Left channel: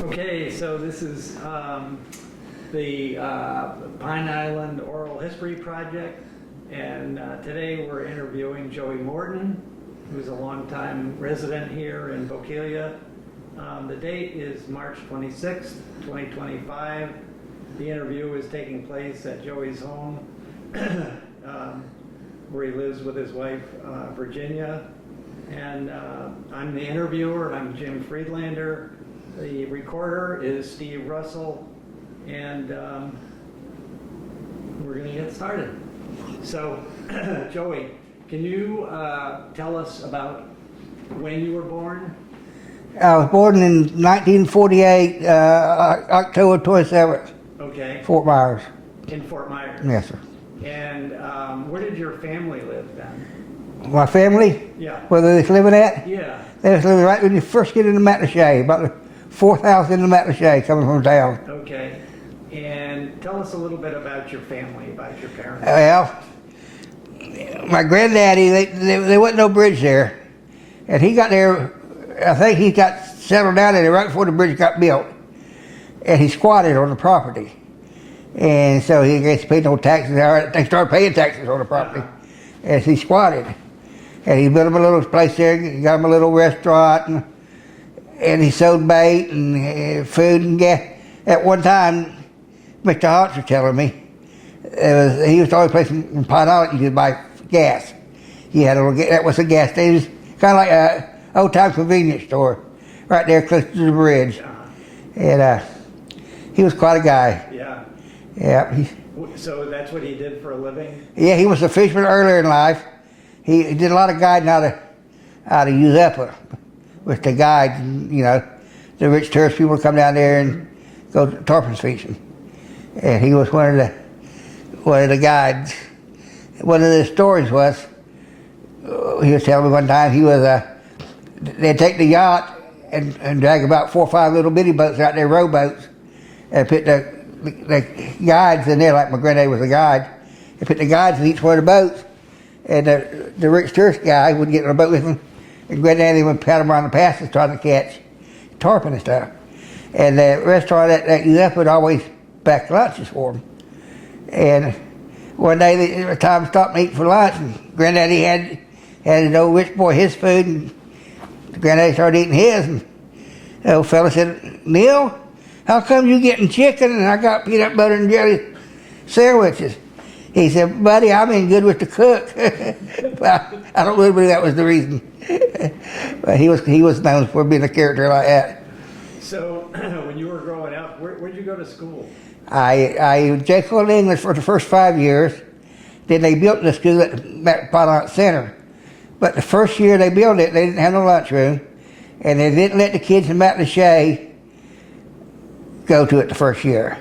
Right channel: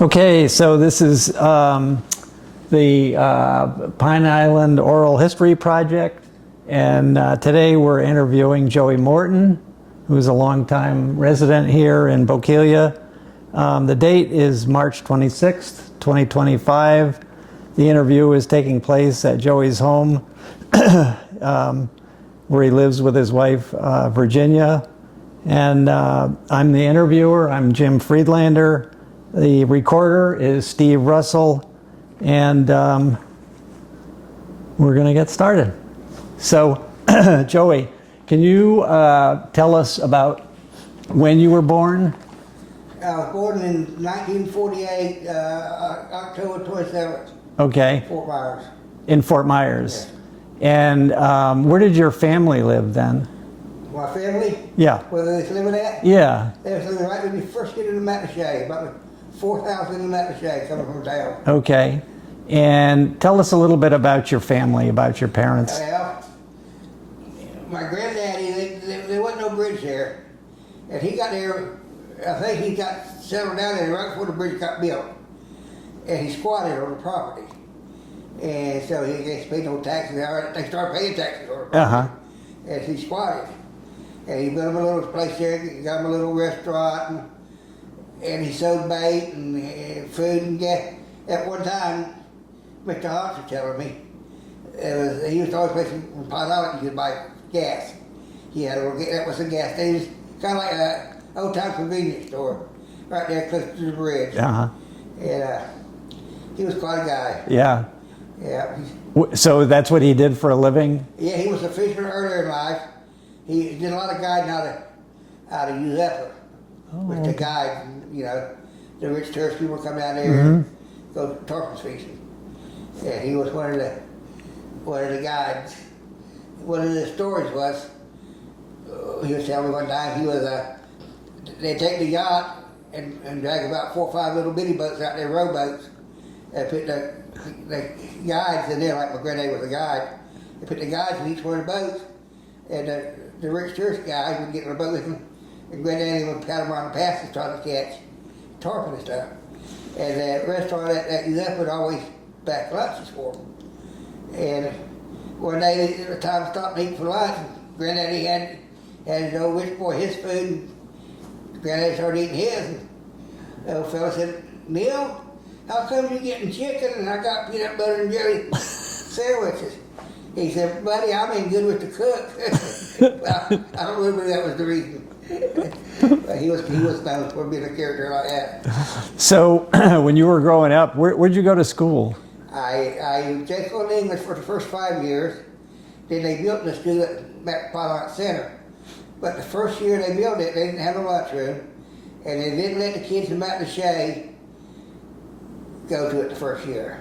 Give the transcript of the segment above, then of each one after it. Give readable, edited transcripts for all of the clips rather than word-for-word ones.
Okay, so this is the Pine Island Oral History Project, and today we're interviewing Joey Morton, who's a longtime resident here in Bokeelia. The date is March 26th, 2025. The interview is taking place at Joey's home, where he lives with his wife, Virginia. And I'm the interviewer. I'm Jim Friedlander. The recorder is Steve Russell, and we're going to get started. So, Joey, can you tell us about when you were born? I was born in 1948, October 27th. Okay. Fort Myers. In Fort Myers? Yes, sir. And where did your family live then? My family? Yeah. Where they was living at? Yeah. They was living right when you first get into Matlacha, about the fourth house into Matlacha coming from town. Okay. And tell us a little bit about your family, about your parents. Well, my granddaddy, there wasn't no bridge there. And he got there, I think he got settled down there right before the bridge got built. And he squatted on the property. And so he gets paid no taxes. They started paying taxes on the property. And he squatted. And he built him a little place there, he got him a little restaurant, and he sold bait and food and gas. At one time, Mr. Hotz was telling me, he was the only place in Pine Island you could buy gas. He had a little, that was a gas station. It was kind of like an old-time convenience store, right there close to the bridge. And he was quite a guy. Yeah. Yeah. So that's what he did for a living? Yeah, he was a fisherman earlier in life. He did a lot of guiding out of Uzeppa, with the guides, you know, the rich tourist people would come down there and go tarpon fishing. And he was one of the guides. One of the stories was, he was telling me one time, they'd take the yacht and drag about 4 or 5 little bitty boats out there, rowboats, and put the guides in there, like my granddad was a guide. They put the guides in each one of the boats, and the rich tourist guy would get in a boat with him, and granddaddy would pat him around the passes trying to catch tarpon and stuff. And the restaurant at Uzeppa would always pack lunches for him. And one day, the time to stop and eat for lunch, and granddaddy had an old rich boy his food, and granddaddy started eating his, and the old fella said, "Neil, how come you getting chicken and I got peanut butter and jelly sandwiches?" He said, "Buddy, I'm in good with the cook." Well, I don't really believe that was the reason. But he was known for being a character like that. So when you were growing up, where'd you go to school? I Jekyll English for the first 5 years. Then they built the school at Pine Island Center. But the first year they built it, they didn't have no lunchroom. And they didn't let the kids in Matlacha go to it the first year.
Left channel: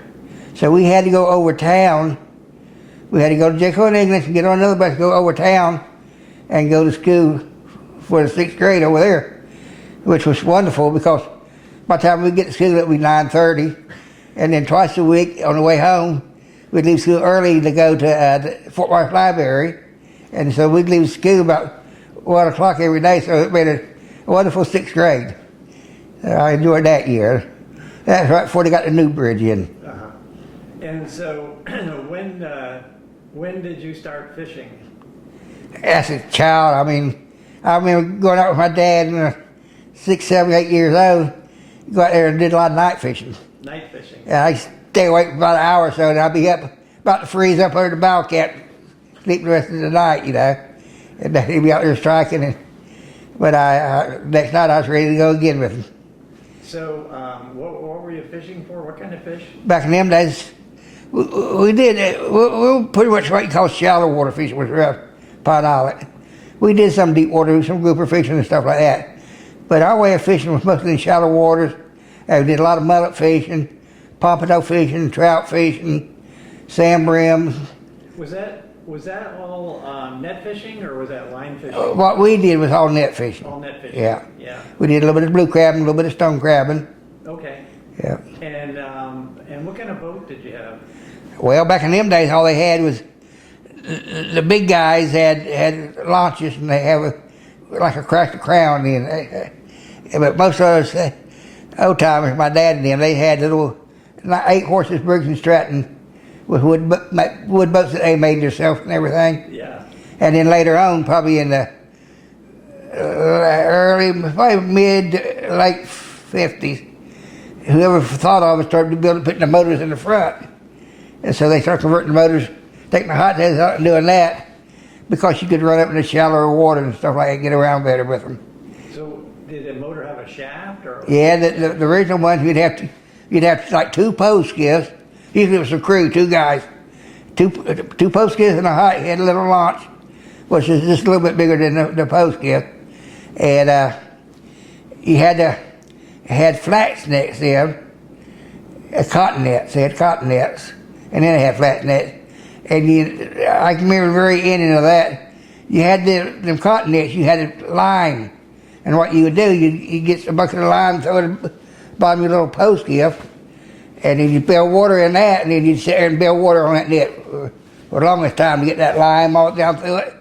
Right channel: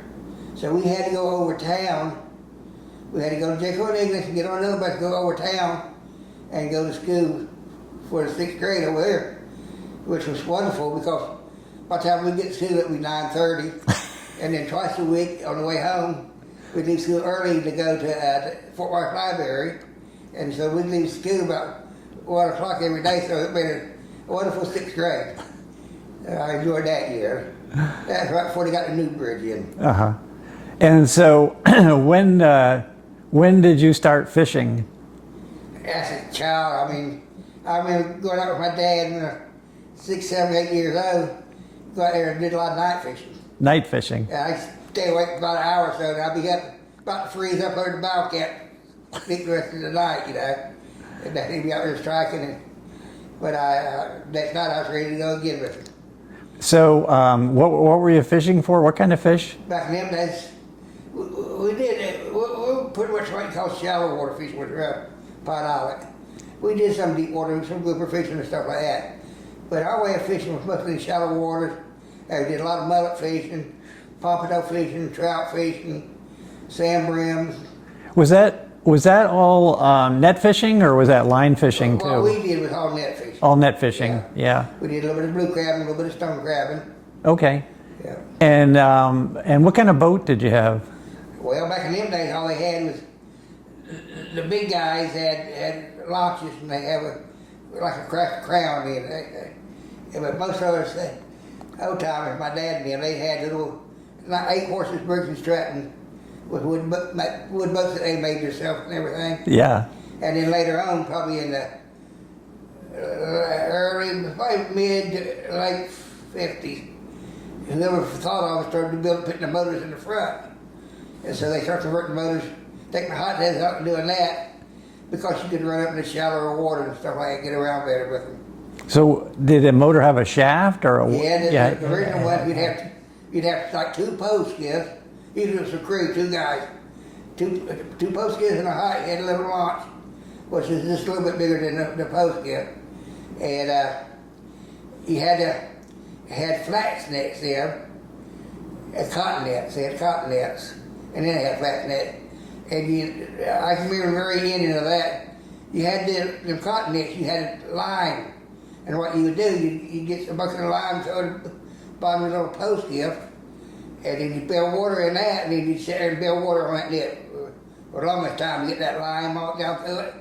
So we had to go over town. We had to go to Jekyll English and get on another bus, go over town and go to school for the 6th grade over there, which was wonderful because by the time we get to school it would be 9:30. And then twice a week on the way home, we'd leave school early to go to the Fort Myers Library. And so we'd leave school about 1 o'clock every day, so it made a wonderful 6th grade. I enjoyed that year. That's right before they got the new bridge in. And so when did you start fishing? As a child, I remember going out with my dad when I was 6, 7, 8 years old. Go out there and did a lot of night fishing. Night fishing? And I'd stay awake for about an hour or so, and I'd be up about to freeze up under the bow cap, sleep the rest of the night, you know. And then he'd be out there striking. But next night I was ready to go again with him. So what were you fishing for? What kind of fish? Back in them days, we did, we were pretty much what you call shallow water fishing with Pine Island. We did some deep water, some grouper fishing and stuff like that. But our way of fishing was mostly in shallow waters. We did a lot of mullet fishing, pompano fishing, trout fishing, sand brims. Was that all net fishing, or was that line fishing What too? we did was all net fishing. All net fishing, yeah. We did a little bit of blue crabbing, a little bit of stone crabbing. Okay. Yeah. And what kind of boat did you have? Well, back in them days, all they had was, the big guys had launches, and they have like a cracked crown in. But most of us, old timers, my dad and them, they had little 8-horses Briggs and Stratton with wood boats that they made themselves and everything. Yeah. And then later on, probably in the probably mid to late 50s, whoever thought of it started putting the motors in the front. And so they started converting the motors, taking the hot heads out and doing that because you could run up in the shallower water and stuff like that and get around better with them. So did the motor have a shaft or a... Yeah, the original ones, you'd have like 2 post skiffs. Usually it was a crew, 2 guys. Two post skiffs and a hot head, a little launch, which is just a little bit bigger than the post skiff. And you had flats nets in, cotton nets. They had cotton nets, and then they had flat nets. And I can remember the very ending of that. You had them cotton nets. You had a lime, and what you would do, you get a bucket of lime, throw it at the bottom of your little post skiff, and then you build water in that, and then you'd sit there and build water on that net for the longest time to get that lime all down through it.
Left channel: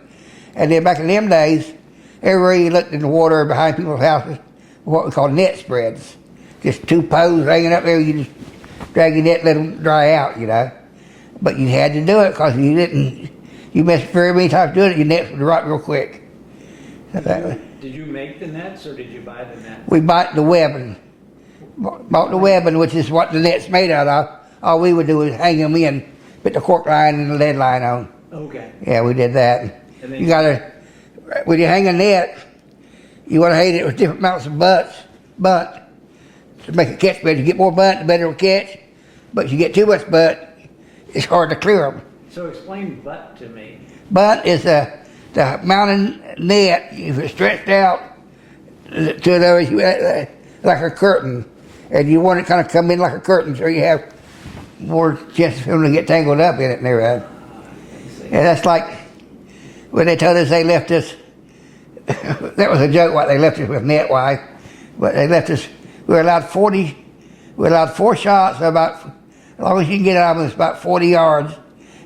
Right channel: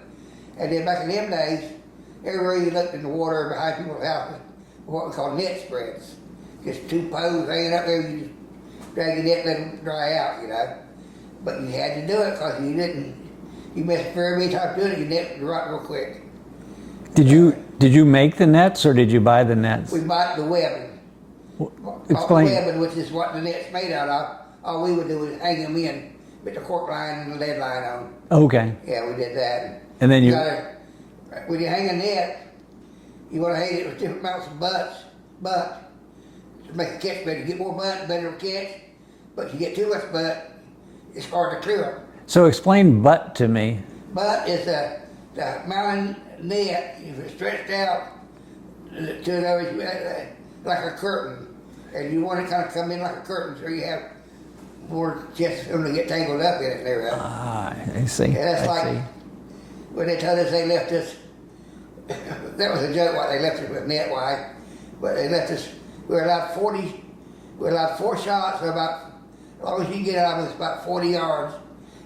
And then back in them days, everywhere you looked in the water behind people's houses, what we call net spreads. Just 2 poles hanging up there, you just drag your net, let them dry out, you know. But you had to do it because you missed very many times doing it, your net would rot real quick. Did you make the nets or did you buy the nets? We bought the webbing. Bought the webbing, which is what the net's made out of. All we would do is hang them in, put the cork line and the lead line on. Okay. Yeah, we did that. And then when you hang a net, you want to hang it with different amounts of bunt to make a catch better. You get more bunt, the better it'll catch. But if you get too much bunt, it's hard to clear them. So explain butt to me. Bunt is the mountain net. If it's stretched out to those, like a curtain, and you want it kind of come in like a curtain, so you have more chance for them to get tangled up in it and everything. Ah, I see. And that's like when they told us they left us. That was a joke. What they left us with net wise, but they left us. We were allowed 40. We were allowed 4 shots about, as long as you can get it out of them, it's about 40 yards,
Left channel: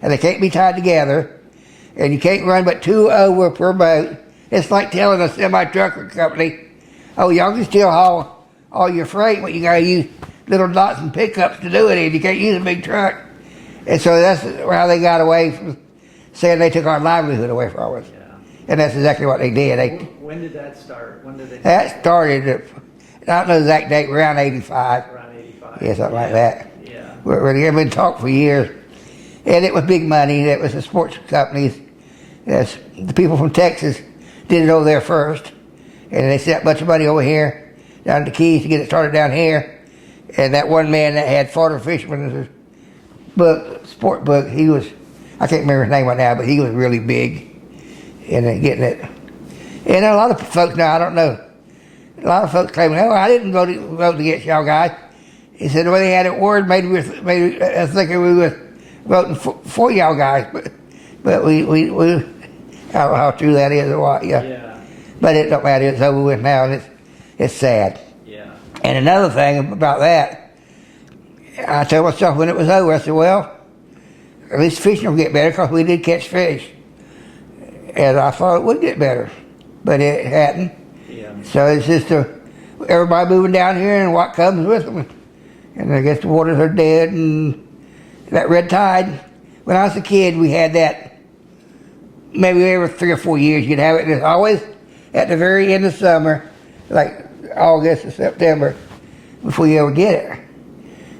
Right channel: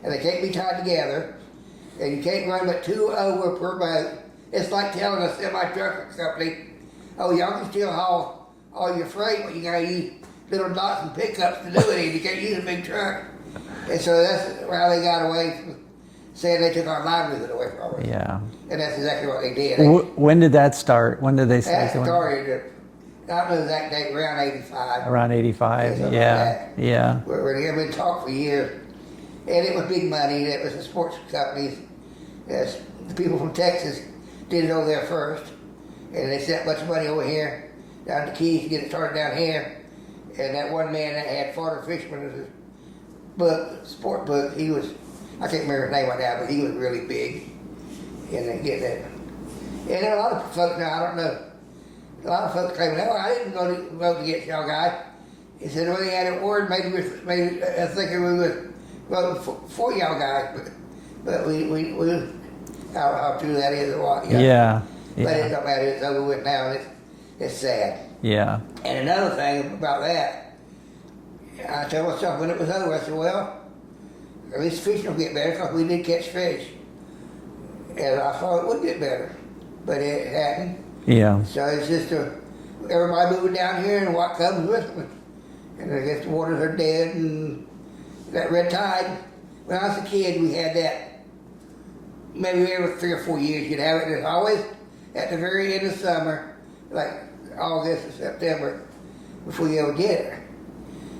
and they can't be tied together, and you can't run but 2 over per boat. It's like telling a semi-trucker company, "Oh, y'all can still haul all your freight, but you gotta use little dots and pickups to do it in. You can't use a big truck." And so that's how they got away from saying they took our livelihood away from us. Yeah. And that's exactly what they did. When did that start? When did they start? That started, I don't know the exact date, around 85. Around 85. Yeah, something like that. Yeah. We've been talking for years. And it was big money. It was the sports companies. Yes, the people from Texas did it over there first. And they sent a bunch of money over here, down to the Keys to get it started down here. And that one man that had Florida Fisherman's book, sport book, he was, I can't remember his name right now, but he was really big in getting it. And a lot of folks now, I don't know, a lot of folks claim, "Oh, I didn't vote against y'all guys." He said the way they had it worded made me thinking we were voting for y'all guys, but we I don't know how true that is or what. Yeah. But it don't matter. It's over with now, and it's sad. Yeah. And another thing about that, I told myself when it was over, I said, well, at least fishing will get better because we did catch fish. And I thought it would get better, but it hadn't. Yeah. So it's just everybody moving down here and what comes with them. And I guess the waters are dead and that red tide. When I was a kid, we had that maybe every 3 or 4 years you'd have it. And it's always at the very end of summer, like August or September, before you ever get it.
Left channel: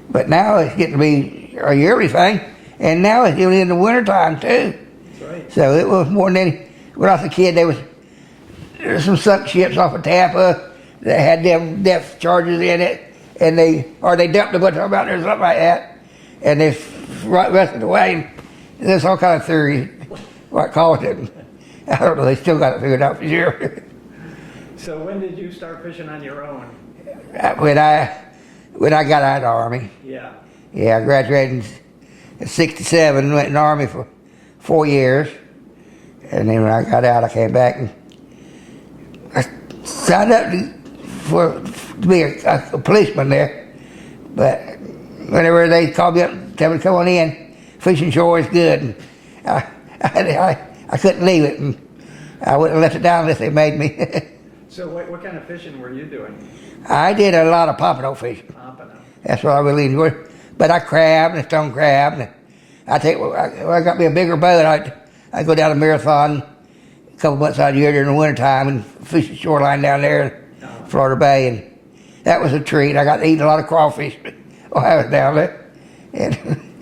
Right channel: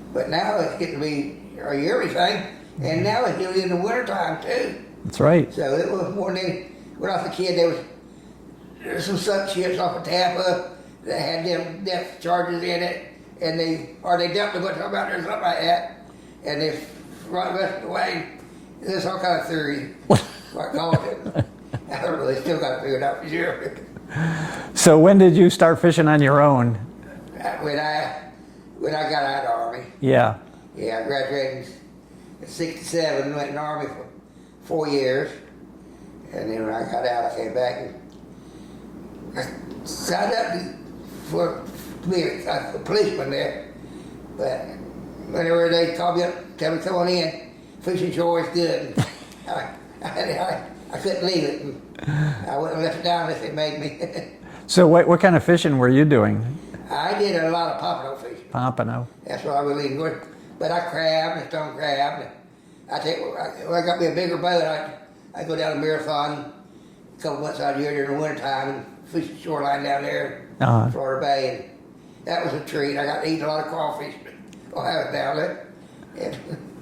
But now it's getting to be a yearly thing. And now it's even in the wintertime too. That's right. So it was more than any. When I was a kid, there was some sunk ships off of Tampa that had them depth charges in it, and they dumped a bunch of them out there or something like that, and they rusted away. And there's all kind of theory what caused it. I don't know. They still got it figured out for sure. So when did you start fishing on your own? When I got out of the Army. Yeah. Yeah, I graduated in '67, went in the Army for 4 years, and then when I got out, I came back and I signed up to be a policeman there. But whenever they called me up and tell me to come on in, fishing sure is good. And I couldn't leave it, and I wouldn't have left it down unless they made me. So what kind of fishing were you doing? I did a lot of pompano fishing. Pompano. That's what I really enjoyed. But I crabbed and stone crabbed. And I got me a bigger boat. I go down a marathon a couple months out of the year during the wintertime and fish the shoreline down there in Florida Bay. And that was a treat. I got to eat a lot of crawfish while I was down there. And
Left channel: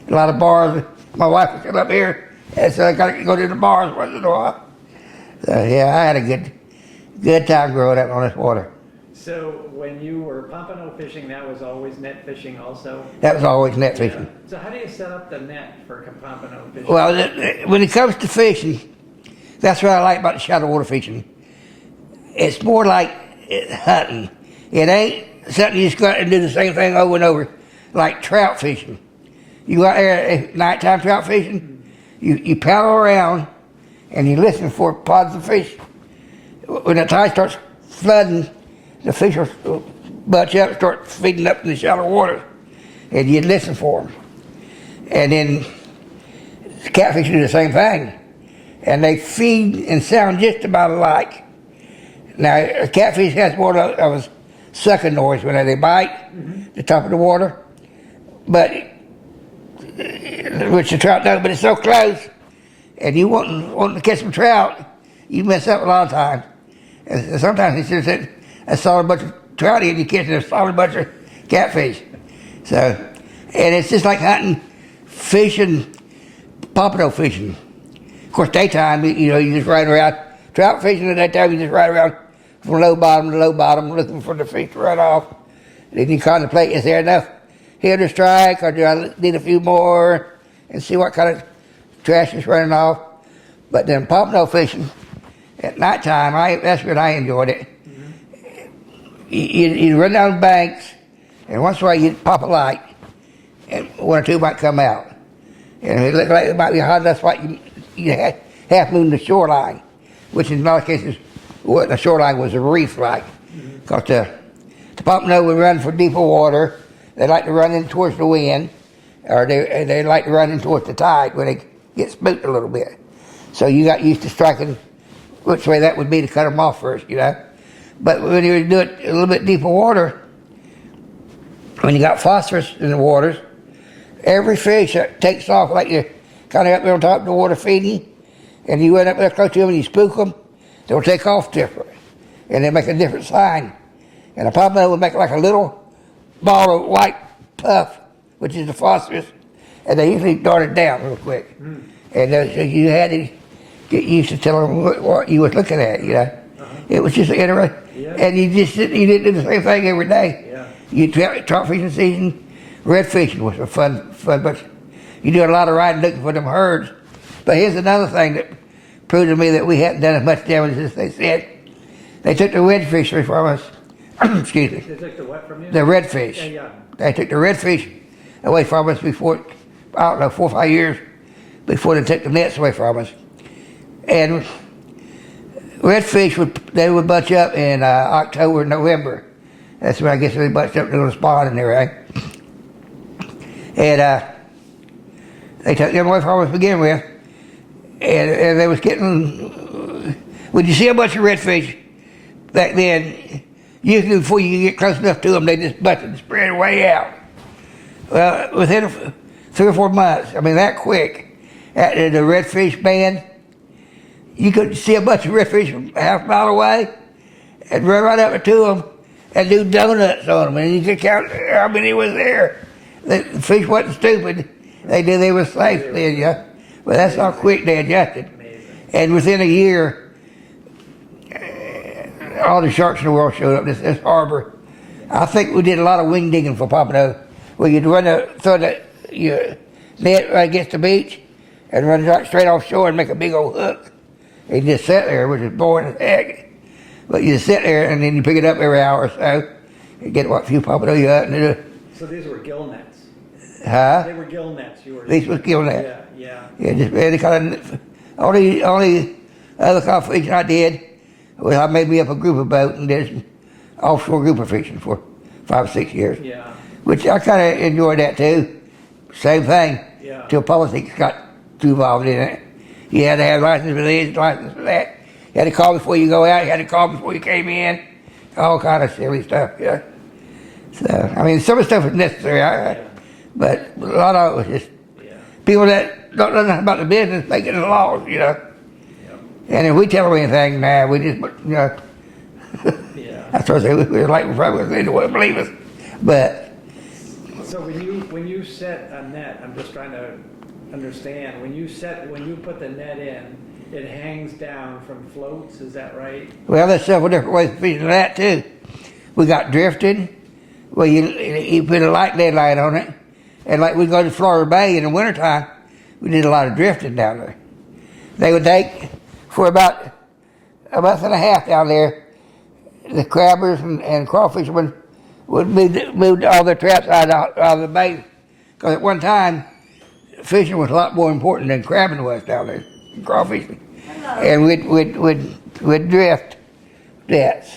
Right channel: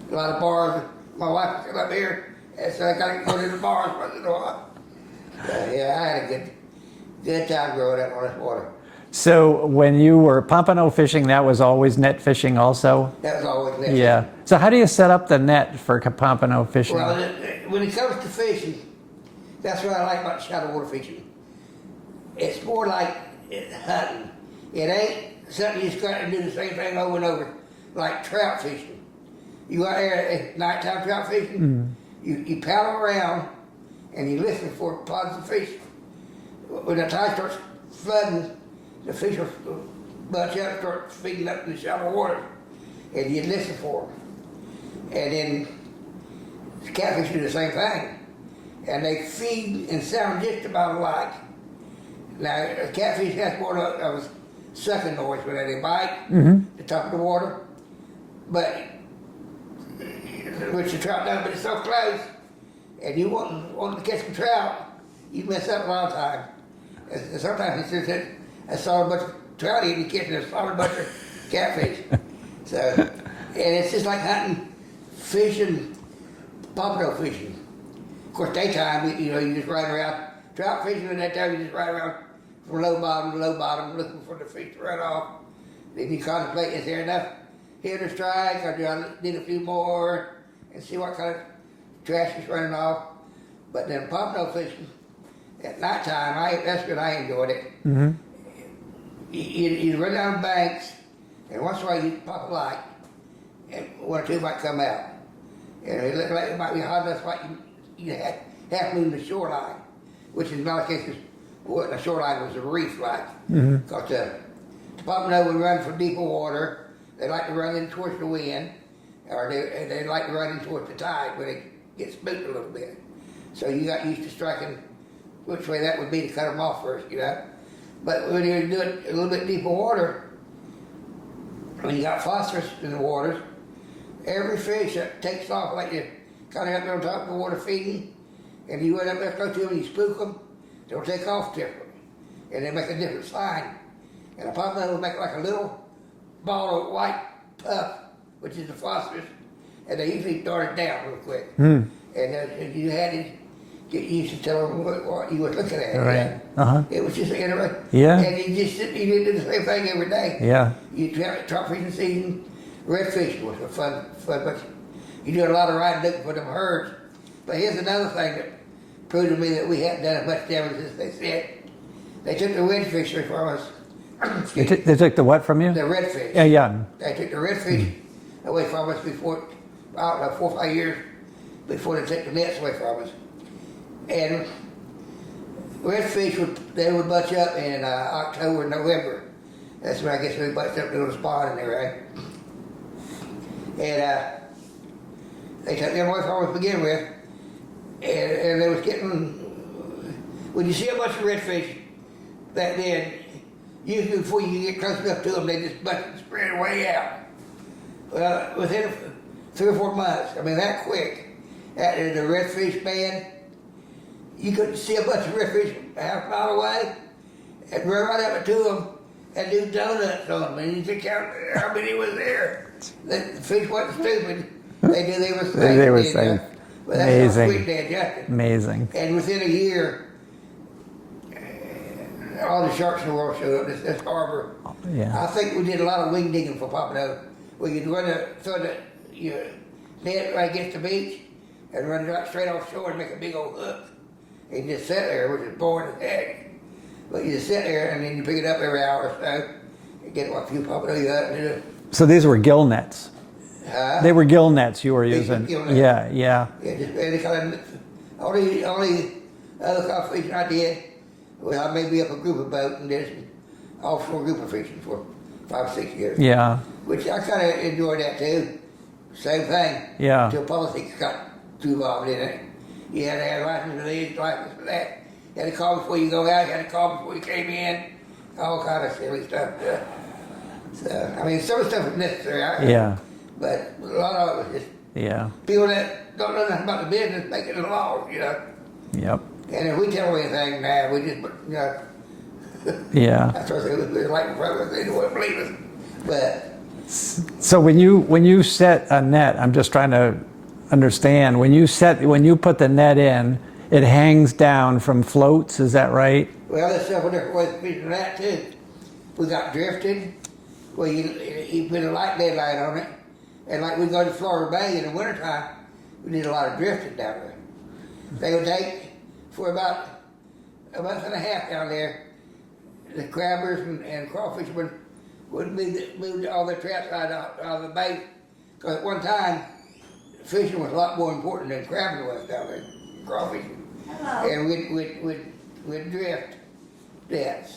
a lot of bars. My wife was still up here, and so I got to go to the bars once in a while. So, yeah, I had a good time growing up on this water. So when you were pompano fishing, that was always net fishing also? That was always net fishing. Yeah. So how do you set up the net for pompano fishing? Well, when it comes to fishing, that's what I like about the shallow water fishing. It's more like hunting. It ain't something you just go out and do the same thing over and over, like trout fishing. You go out there at nighttime trout fishing, you paddle around and you listen for pods of fish. When the tide starts flooding, the fish will bunch up and start feeding up in the shallow water, and you listen for them. And then catfish do the same thing, and they feed and sound just about alike. Now, a catfish has more of a sucking noise when they bite the top of the water, but which the trout does, but it's so close, and you want to catch some trout, you mess up a lot of times. And sometimes it's just a solid bunch of trout and you catch a solid bunch of catfish. So, and it's just like hunting, fishing, pompano fishing. Of course, daytime, you just ride around. Trout fishing at that time, you just ride around from low bottom to low bottom looking for the fish to run off. Then you contemplate, is there enough here to strike, or do I need a few more, and see what kind of trash is running off. But then pompano fishing at nighttime, that's when I enjoyed it. You run down the banks, and once in a while you pop a light, and one or two might come out. And it looked like it might be a hot enough spot, you half moon the shoreline, which in a lot of cases, what the shoreline was a reef like. Because the pompano would run for deeper water. They like to run in towards the wind, or they like to run in towards the tide when they get spooked a little bit. So you got used to striking which way that would be to cut them off first, But when you do it a little bit deeper water, when you got phosphorus in the waters, every fish that takes off, like you're kind of up there on top of the water feeding, and you went up there close to them and you spook them, they'll take off different, and they make a different sign. And a pompano would make like a little ball of white puff, which is the phosphorus, and they usually darted down real quick. And so you had to get used to telling them what you was looking at. It was just interesting. And you didn't do the same thing every day. You trout fishing season, red fishing was a fun, but you do a lot of riding looking for them herds. But here's another thing that proved to me that we hadn't done as much damage as they said. They took the red fishery from us. Excuse me. They took the what from you? The redfish. Yeah. They took the redfish away from us before, 4 or 5 years before they took the nets away from us. And redfish would bunch up in October, November. That's when I guess they bunched up to the spawn and everything. And they took them away from us to begin with. And they was getting, when you see a bunch of redfish back then, usually before you can get close enough to them, they just busted and spread way out. Well, within 3 or 4 months, that quick, at the redfish band, you could see a bunch of redfish from half a mile away and run right up to them and do donuts on them, and you could count how many was there. The fish wasn't stupid. They knew they were safe. But that's how quick they adjusted. Amazing. And within a year, all the sharks in the world showed up this harbor. I think we did a lot of wing digging for pompano, where you'd throw your net right against the beach and run right straight offshore and make a big old hook. And you just sit there, which is boring as heck. But you just sit there and then you pick it up every hour or so and get what few pompano you got. So these were gill nets? Huh? They were gill nets you were using? These were gill nets. Yeah. Yeah, just any kind of, only other kind of fishing I did was I made me up a group of boat and did some offshore grouper fishing for 5 or 6 years. Yeah. Which I kind of enjoyed that too. Same thing. Yeah. Till politics got too involved in it. You had to have license for this, license for that. You had to call before you go out. You had to call before you came in. all kind of silly stuff. Yeah. So I mean, some of the stuff was necessary. Yeah. But a lot of it was just Yeah. people that don't know nothing about the business making the laws, Yep. And if we tell them anything now, we just, Yeah. that's what I say, we're like, probably they don't want to believe us. But So when you set a net, I'm just trying to understand, when you put the net in, it hangs down from floats, is that right? well, there's several different ways of fishing that too. We got drifted, where you put a light lead line on it, and like we go to Florida Bay in the wintertime, we did a lot of drifting down there. They would take, for about a month and a half down there, the crabbers and crawfishermen would move all their traps out of the bay. Because at one time, fishing was a lot more important than crabbing was down there, crawfishing. And we'd drift nets.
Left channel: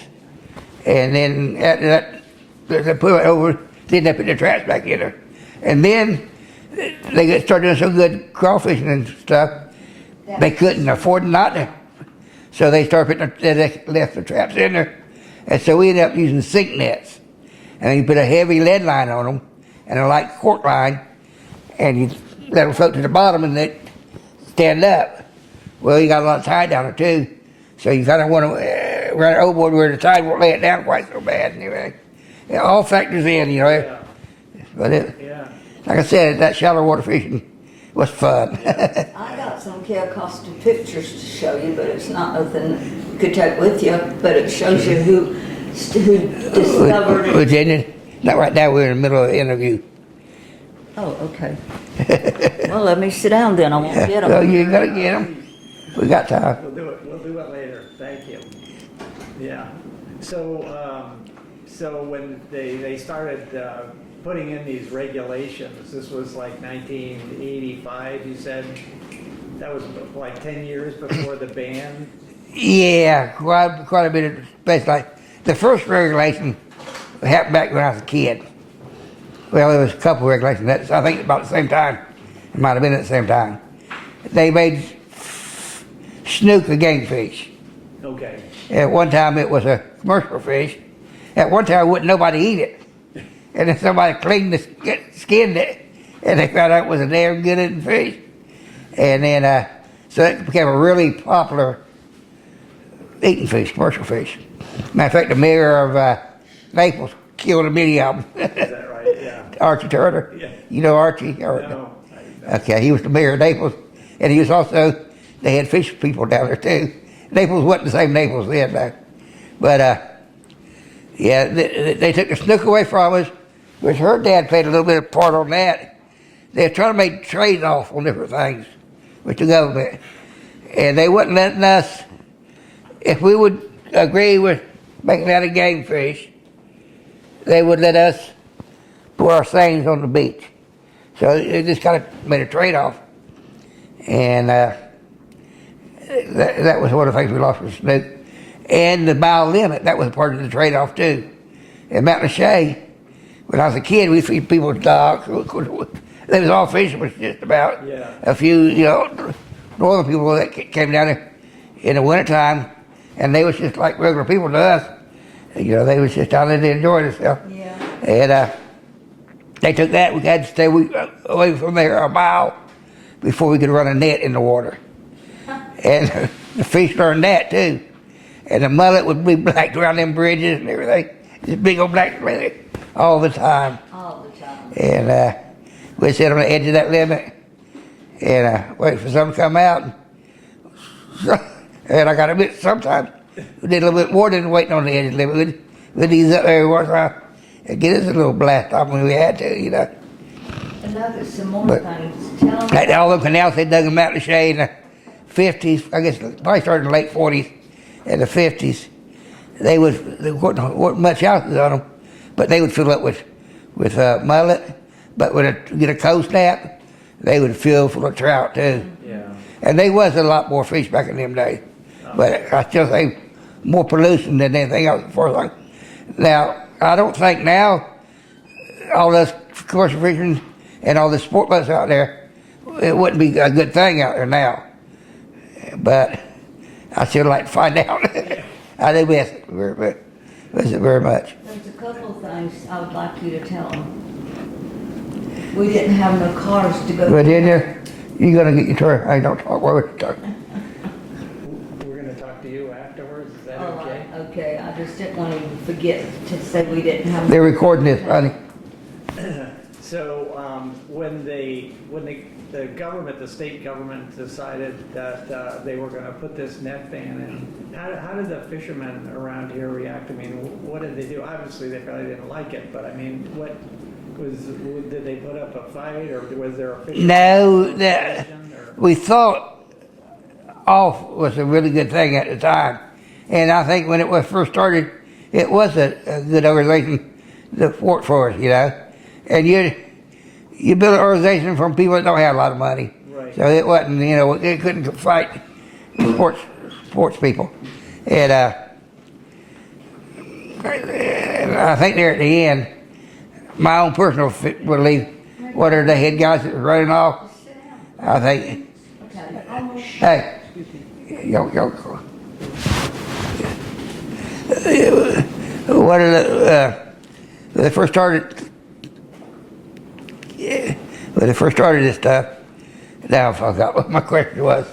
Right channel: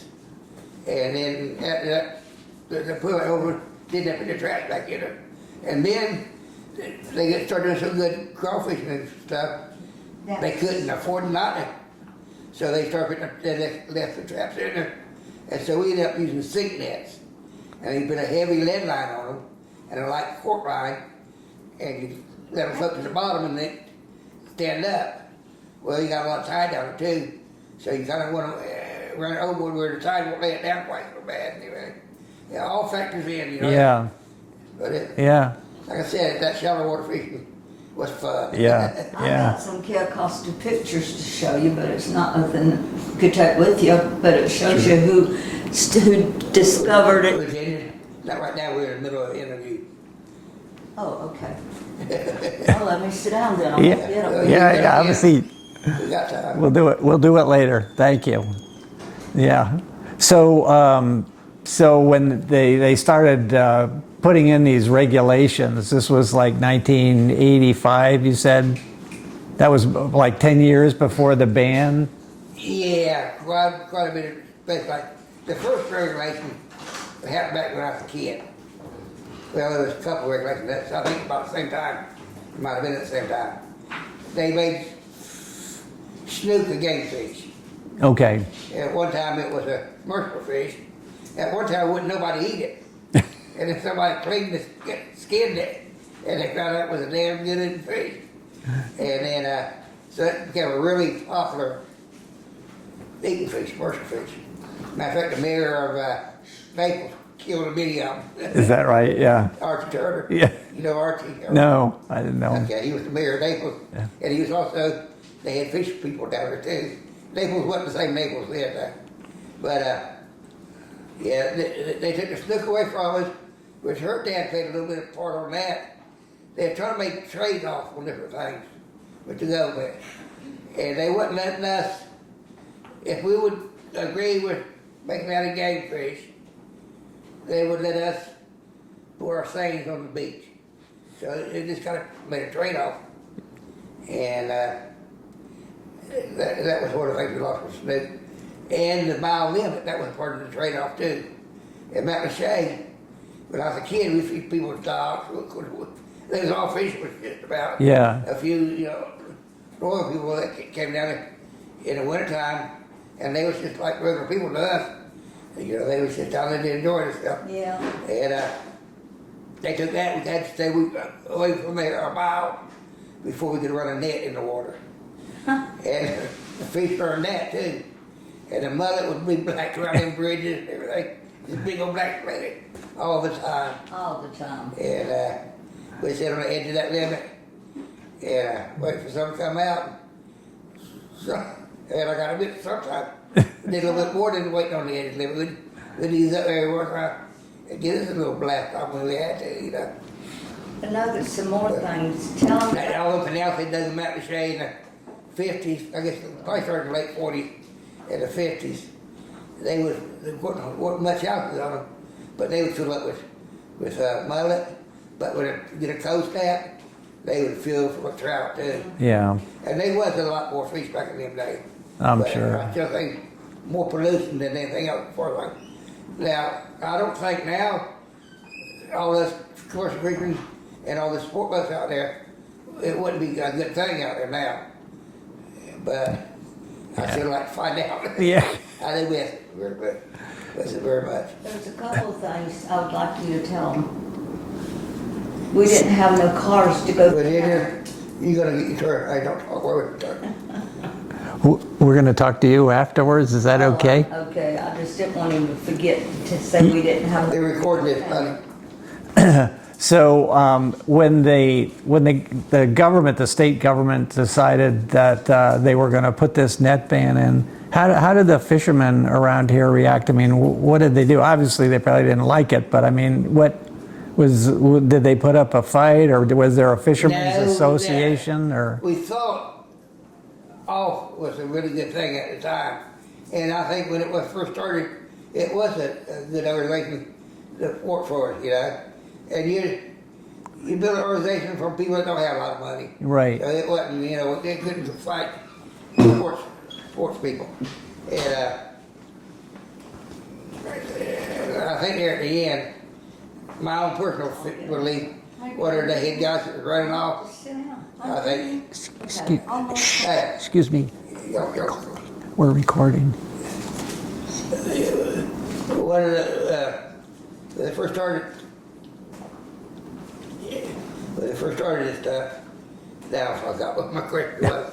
And then after that, they put it over, then they put their traps back in there. And then they started doing so good crawfishing and stuff, they couldn't afford not to. So they started putting they left the traps in there. And so we ended up using sink nets. And you put a heavy lead line on them and a light cork line, and you let them float to the bottom and they stand up. Well, you got a lot of tide down there too. So you kind of want to run it overboard where the tide won't lay it down quite so bad. Anyway, it all factors in, Yeah. But Yeah. like I said, that shallow water fishing was fun. Yeah. I Yeah. got some Cayo Costa pictures to show you, but it's not nothing you could take with you. But it shows you who discovered it. Virginia, not right now. We're in the middle of the interview. Oh, okay. Well, let me sit down then. I won't Yeah. get Oh, them. yeah. Yeah, gotta have get a 'em. seat. We got time. We'll do it later. Thank you. Yeah. So when they started putting in these regulations, this was like 1985, you said? That was like 10 years before the ban? Yeah, quite a bit of space. Like the first regulation happened back when I was a kid. Well, there was a couple of regulations. That's, I think about the same time. It might have been at the same time. They made snook a game fish. Okay. At one time it was a commercial fish. At one time wouldn't nobody eat it. And then somebody cleaned skinned it, and they found out it was a damn good eating fish. And then, so it became a really popular eating fish, commercial fish. Matter of fact, the mayor of Naples killed a many of them. Is that right? Yeah. Archie Turner. Yeah. You know Archie? No, I didn't know. Okay, he was the mayor of Naples, and he was also, they had fish people down there too. Naples wasn't the same Naples then, though. But yeah, they took the snook away from us, which her dad played a little bit of part on that. They were trying to make trade off on different things with the government. And they wouldn't letting us, if we would agree with making that a game fish, they would let us put our seines on the beach. So it just kind of made a trade-off. And that was one of the things we lost with snook. And the mile limit, that was part of the trade-off too. In Mountain Shea, when I was a kid, we feed people dogs. They was all fishermen just about. Yeah. A few, northern people that came down there in the wintertime, and they was just like regular people to us. They was just down there to enjoy themselves. Yeah. And they took that. We had to stay away from there a mile before we could run a net in the water. And the fish learned that too. And the mullet would be black around them bridges and everything. Just big old black mullet all the time. All the time. And we'd sit on the edge of that limit and wait for something to come out. And I got to admit, sometimes we did a little bit more than waiting on the edge of the limit. We'd ease up there once in a while and get us a little blast off when we had to, I know there's some more But- things. Tell them. Like all the canals, they dug them out in the shade in the 50s. I guess probably started in the late 40s and the 50s. There wasn't much houses on them, but they would fill up with mullet. But when you get a coast snap, they would fill full of trout too. Yeah. And there was a lot more fish back in them days. I'm But sure. I still think more pollution than anything else. Now, I don't think now all this commercial fishing and all the sport boats out there, it wouldn't be a good thing out there now. But I still like to find out. Yeah. How they miss it. But Miss it very much. There's a couple of things I would like you to tell them. We didn't have no cars to go. But then you're gonna get your turn. I don't talk while we're talking. We're going to talk to you afterwards. Is that okay? Okay, I just didn't want to forget to say we didn't have. They're recording this, honey. So when the government, the state government, decided that they were going to put this net ban in, how did the fishermen around here react? I mean, what did they do? Obviously, they probably didn't like it, but I mean, did they put up a fight, or was there a fishermen's association? Or We thought off was a really good thing at the time, and I think when it was first started, it was a good organization that fought for us, you know. And you build an organization from people that don't have a lot of money, right? So it wasn't, you know, it couldn't fight sports people, and I think there at the end, my own personal belief, what are the head guys that was running off? I think. Hey, Excuse me. Yo. We're recording. What are when they first started? Yeah, when they first started this stuff. Now I forgot what my question was.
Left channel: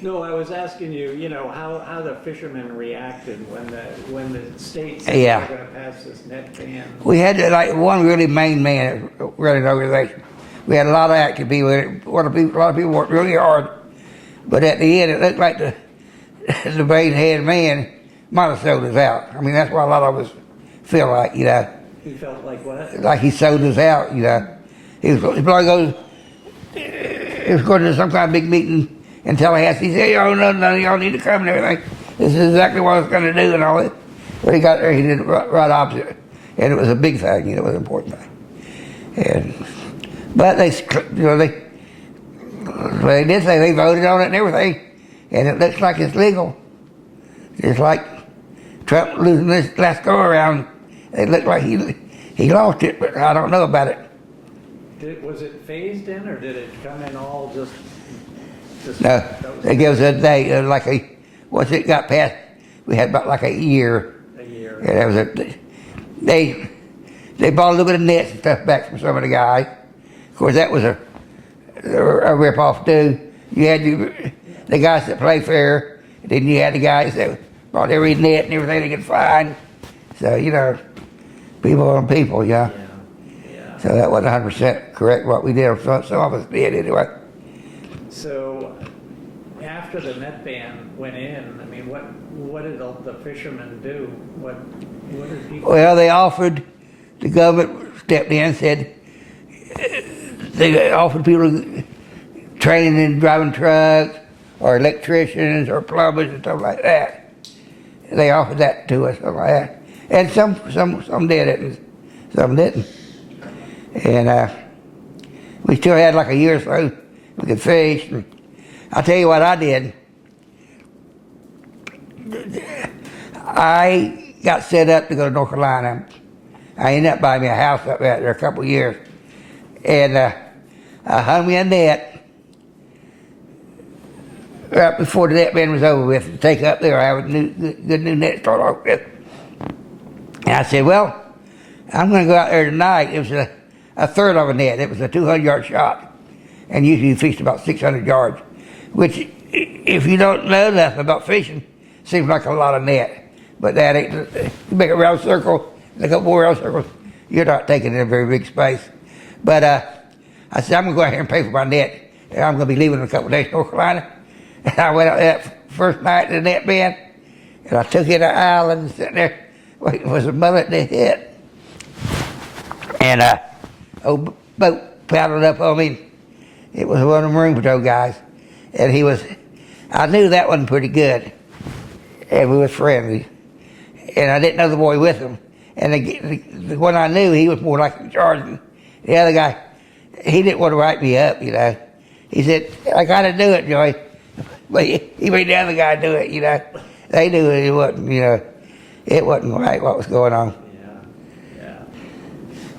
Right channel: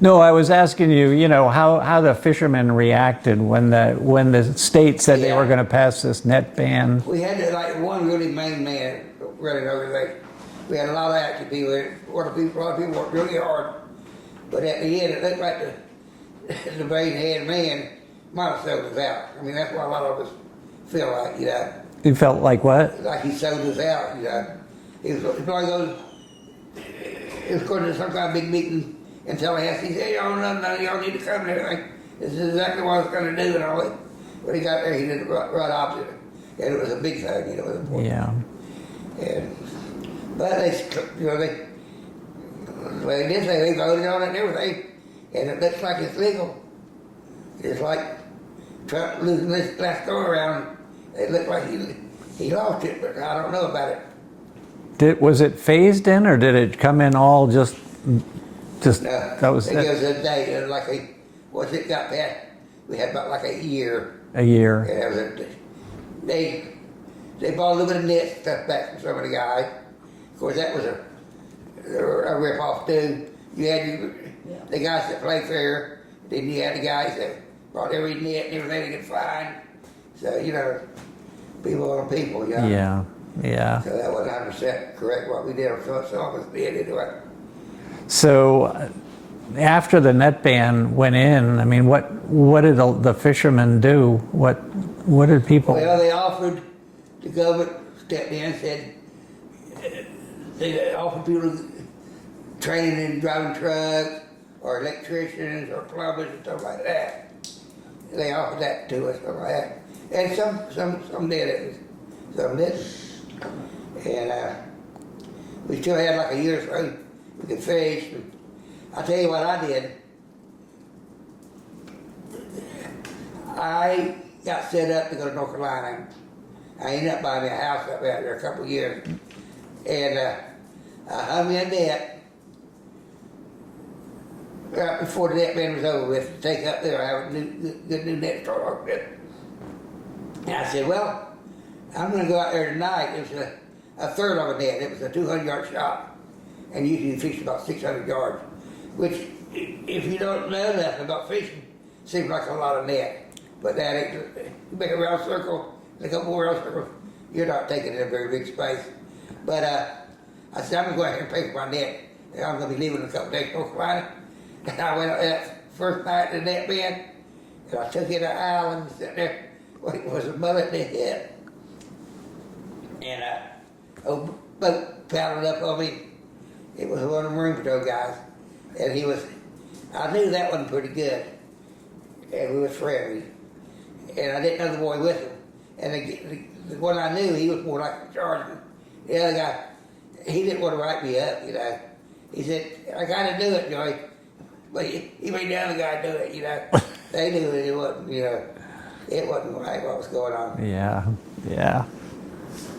No, I was asking you, you know, how the fishermen reacted when the state said they were going to pass this net ban. We had like one really main man running the organization. We had a lot of active people. A lot of people worked really hard, but at the end, it looked like the main head man might have sold us out. I mean, that's what a lot of us feel like, you know. You felt like what? Like he sold us out, you know. He probably going to some kind of big meeting in Tallahassee. He said, "Oh no, y'all need to come and everything. This is exactly what I was going to do and all that." When he got there, he did it right opposite, and it was a big thing. You know, it was important. Yeah. But they did say they voted on it and everything, and it looks like it's legal. It's like Trump losing this last go around. It looked like he lost it, but I don't know about it. Was it phased in, or did it come in all just? No, that was it gives a day once it got passed, we had about like a year. A year. And that was they bought a little bit of nets and stuff back from some of the guys. Of course, that was a rip-off too. You had the guys that play fair, then you had the guys that bought every net and everything they could find. So, you know, people on people, yeah. Yeah, yeah. So that wasn't 100% correct what we did. Some of us did anyway. So after the net ban went in, I mean, what did the fishermen do? What did people? Well, they offered, the government stepped in and said, they offered people training in driving trucks or electricians or plumbers and stuff like that. They offered that to us, something like that. And some did it and some didn't. And we still had like a year or so we could fish. And I'll tell you what I did. I got set up to go to North Carolina. I ended up buying me a house up there a couple of years. And I hung me a net right before the net ban was over with to take up there. I have a good new net to start off with. And I said, well, I'm going to go out there tonight. It was a third of a net. It was a 200-yard shot. And usually you fish about 600 yards, which, if you don't know nothing about fishing, seems like a lot of net. But that ain't, you make a round circle, a couple more round circles, you're not taking in a very big space. But I said, I'm going to go out here and pay for my net. And I'm going to be leaving in a couple of days to North Carolina. And I went out that first night to the net ban, and I took in an island and sat there waiting for some mullet to hit. And old boat paddled up on me. It was one of the Marine Patrol guys. And I knew that wasn't pretty good. And we was friendly. And I didn't know the boy with him. And the one I knew, he was more like in charge. The other guy, he didn't want to write me up, you know. He said, I got to do it, Joey. But he made the other guy do it, you know. They knew it wasn't, you know, it wasn't right what was going on. Yeah, yeah.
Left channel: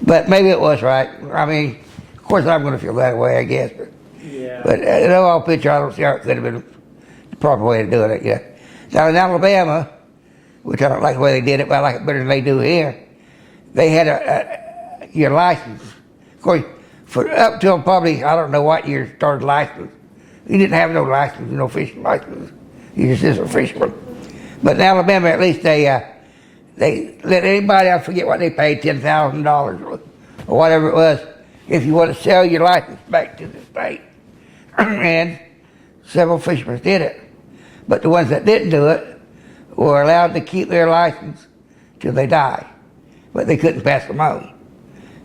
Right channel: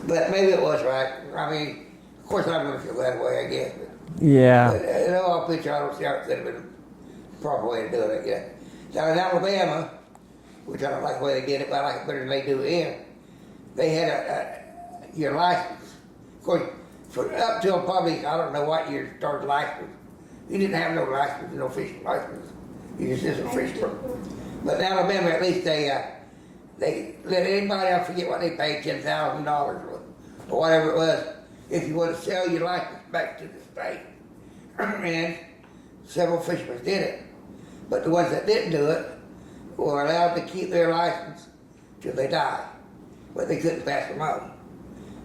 But maybe it was right. I mean, of course I'm going to feel that way, I guess. Yeah. But in all picture, I don't see how it could have been the proper way of doing it, yeah. Now in Alabama, which I don't like the way they did it, but I like it better than they do here. They had your license. Of course, for up till probably, I don't know what year started license. You didn't have no license, no fishing license. You just is a fisherman. But in Alabama, at least they let anybody, I forget what they paid, $10,000 or whatever it was, if you want to sell your license back to the state. And several fishermen did it. But the ones that didn't do it were allowed to keep their license till they die. But they couldn't pass them on.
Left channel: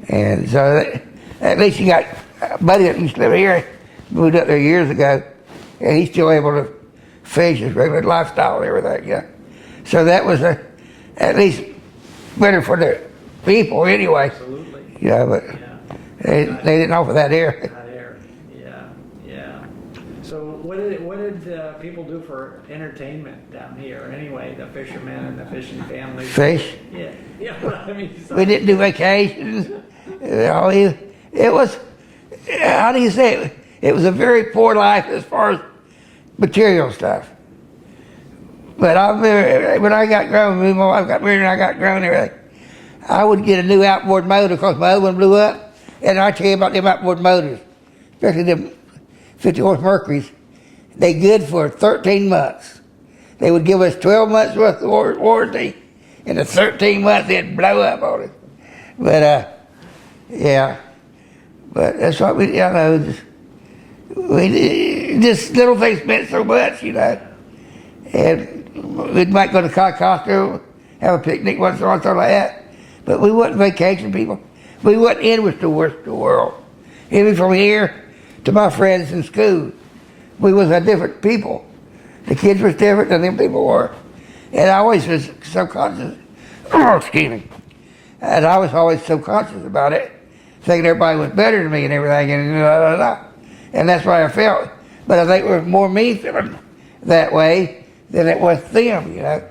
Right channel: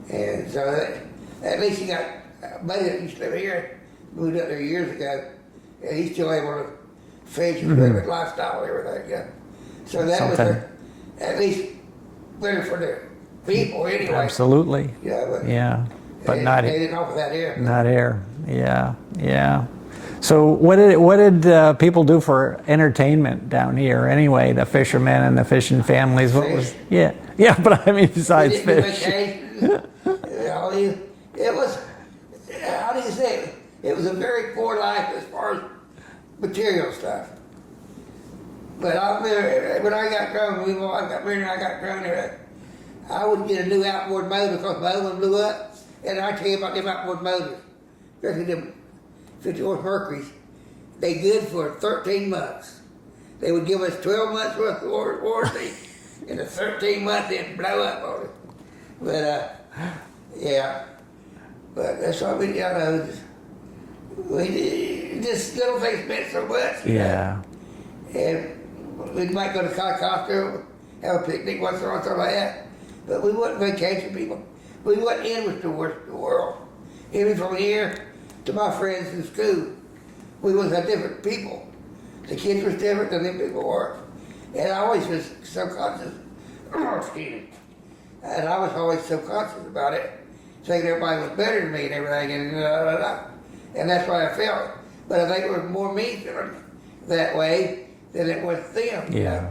And so at least you got a buddy that used to live here, moved up there years ago, and he's still able to fish his regular lifestyle and everything. Yeah. So that was at least better for the people anyway. Absolutely. Yeah, but Yeah. they didn't offer that here. Not here. Yeah. Yeah. So what did people do for entertainment down here anyway? The fishermen and the fishing families. Fish. Yeah. Yeah, but I mean, besides We didn't do fish. vacations. It was, how do you say it? It was a very poor life as far as material stuff. But I remember when I got grown, me and my wife got married and I got grown and everything, I would get a new outboard motor because my other one blew up. And I tell you about them outboard motors, especially them 50 horse Mercuries. They good for 13 months. They would give us 12 months worth of warranty. In the 13 months, they'd blow up on it. But, yeah. But that's what we, just little things meant so much, you know. Yeah. And we might go to Cayo Costa, have a picnic once in a while, something like that. But we wasn't vacation people. We wasn't in with the worst of the world. Even from here to my friends in school, we was a different people. The kids was different than them people were. And I always was subconscious, excuse me. And I was always subconscious about it, thinking everybody was better than me and everything, and blah, blah, blah. And that's why I felt. But I think it was more me feeling that way than it was them, you know.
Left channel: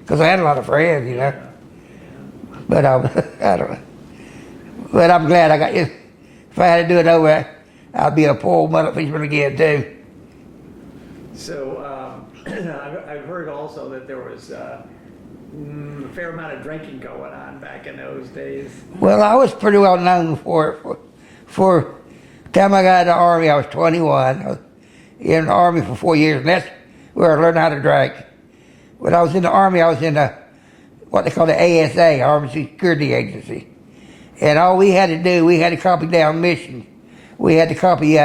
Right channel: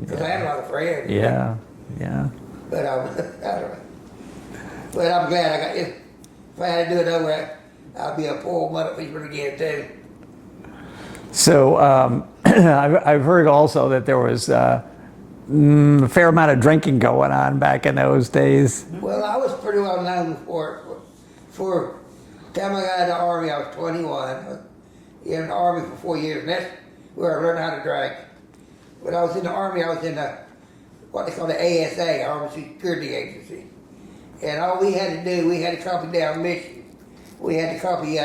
Because I had a lot of friends, you know. Yeah. But I don't know. But I'm glad I got you. If I had to do it over, I'd be a poor old mullet fisherman again too. So I've heard also that there was a fair amount of drinking going on back in those days. Well, I was pretty well known for it. For the time I got in the Army, I was 21. I was in the Army for 4 years, and that's where I learned how to drink. When I was in the Army, I was in what they call the ASA, Army Security Agency. And all we had to do, we had to copy down missions. We had to copy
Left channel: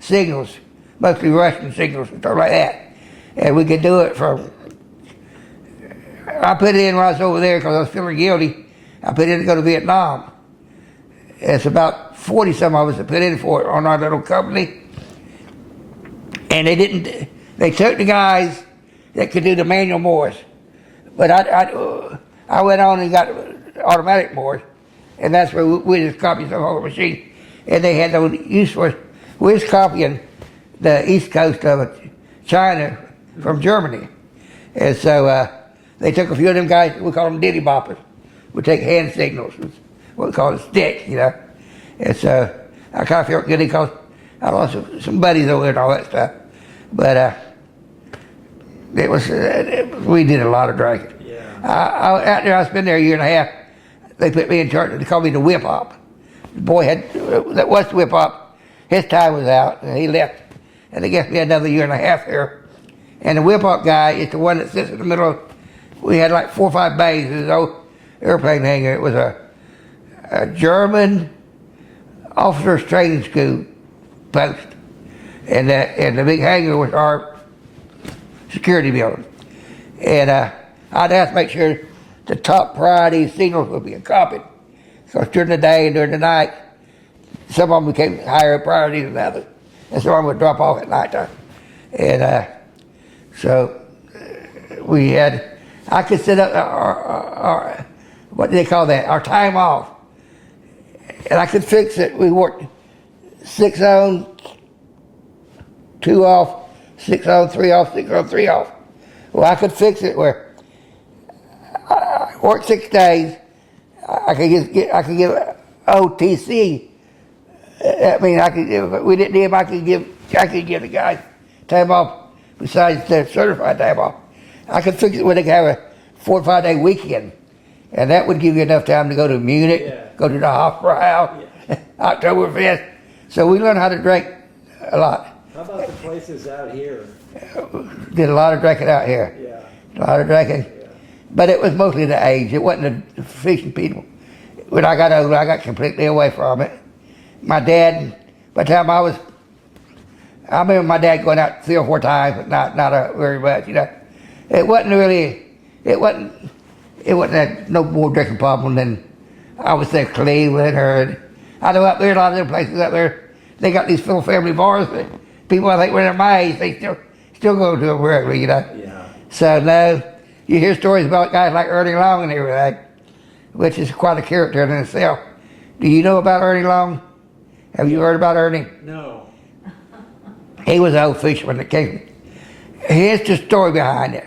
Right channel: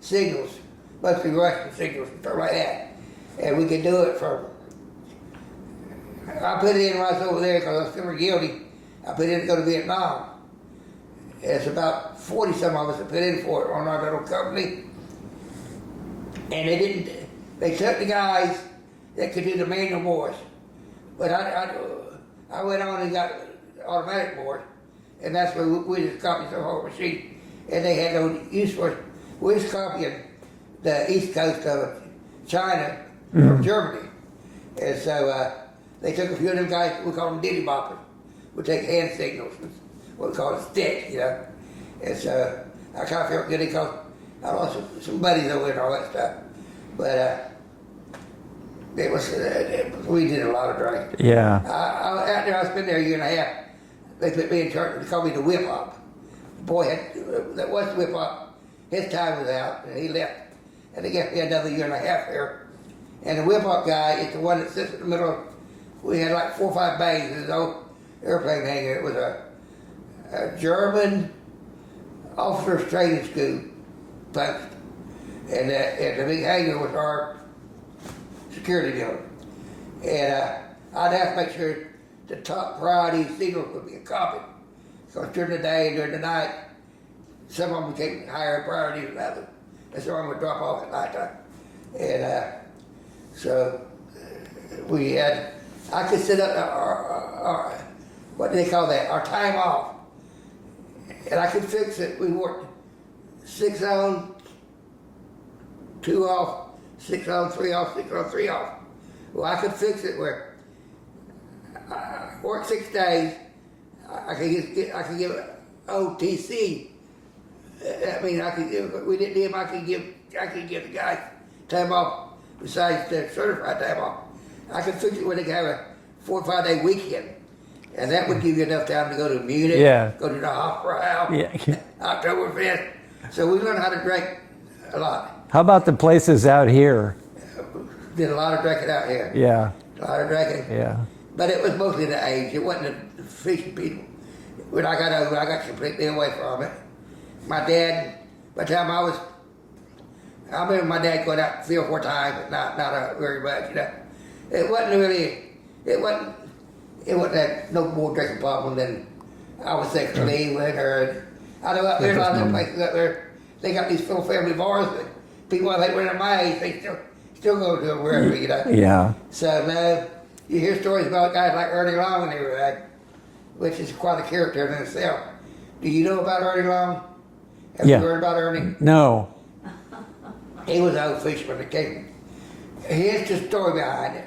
signals, mostly Russian signals and stuff like that. And we could do it from, I put it in when I was over there because I was feeling guilty. I put in to go to Vietnam. It's about 40 some of us that put in for it on our little company. And they took the guys that could do the manual Morse. But I went on and got automatic Morse. And that's where we just copied some on the machine. And they had no use for it. We was copying the east coast of China from Germany. And so they took a few of them guys, we call them ditty boppers. We take hand signals, what we call it sticks, you know. And so I kind of felt good because I lost some buddies over there and all that stuff. But it was, we did a lot of drinking. Yeah. After I spent there a year and a half, they put me in charge. They called me the whip op. The boy that was the whip op, his time was out and he left. And they gave me another year and a half there. And the whip op guy is the one that sits in the middle of, we had like 4 or 5 bays. It was an old airplane hangar. It was a German officers training school post. And the big hangar was our security building. And I'd have to make sure the top priority signals would be copied. Because during the day and during the night, some of them became higher priority than others. And some of them would drop off at nighttime. And so we had, I could set up our what do they call that, our time off. And I could fix it. We worked 6 on, 2 off, 6 on, 3 off, 6 on, 3 off. Well, I could fix it where I worked 6 days. I could give OTC. I mean, if we didn't need him, I could give the guys time off besides their certified time off. I could fix it where they could have a 4 or 5 day weekend. And that would give you enough time to go to Munich, go to the Hofbrau, Oktoberfest. So we learned how to drink a lot. How about the places out here? Did a lot of drinking out here. Yeah. A lot of drinking. Yeah. But it was mostly the age. It wasn't the fishing people. When I got older, I got completely away from it. My dad, by the time I remember my dad going out 3 or 4 times, but not very much, you know. It wasn't that no more drinking problem than I would say Cleveland or, I know up there, a lot of them places up there, they got these full family bars, but people I think when they're my age, they still go to them wherever, you know. Yeah. So now, you hear stories about guys like Ernie Long and everything, which is quite a character in itself. Do you know about Ernie Long? Have you heard about Ernie? No. He was an old fisherman that came. Here's the story behind it.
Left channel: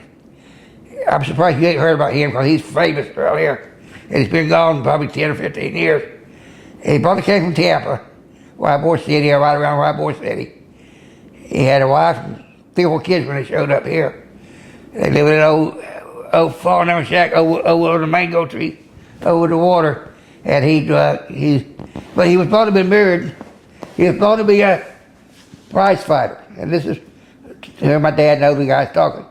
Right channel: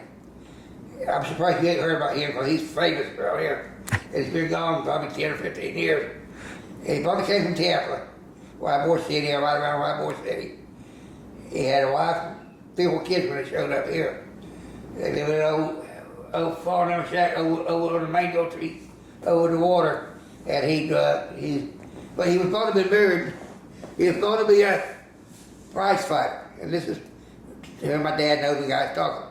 I'm surprised you ain't heard about him because he's famous around here. And he's been gone probably 10 or 15 years. And he probably came from Tampa, Ybor City, or right around Ybor City. He had a wife and 3 or 4 kids when they showed up here. They lived in an old fallen down shack over the mango tree, over the water. And but he was thought to be married. He was thought to be a prize fighter. And this is, here my dad knows the guy's talking.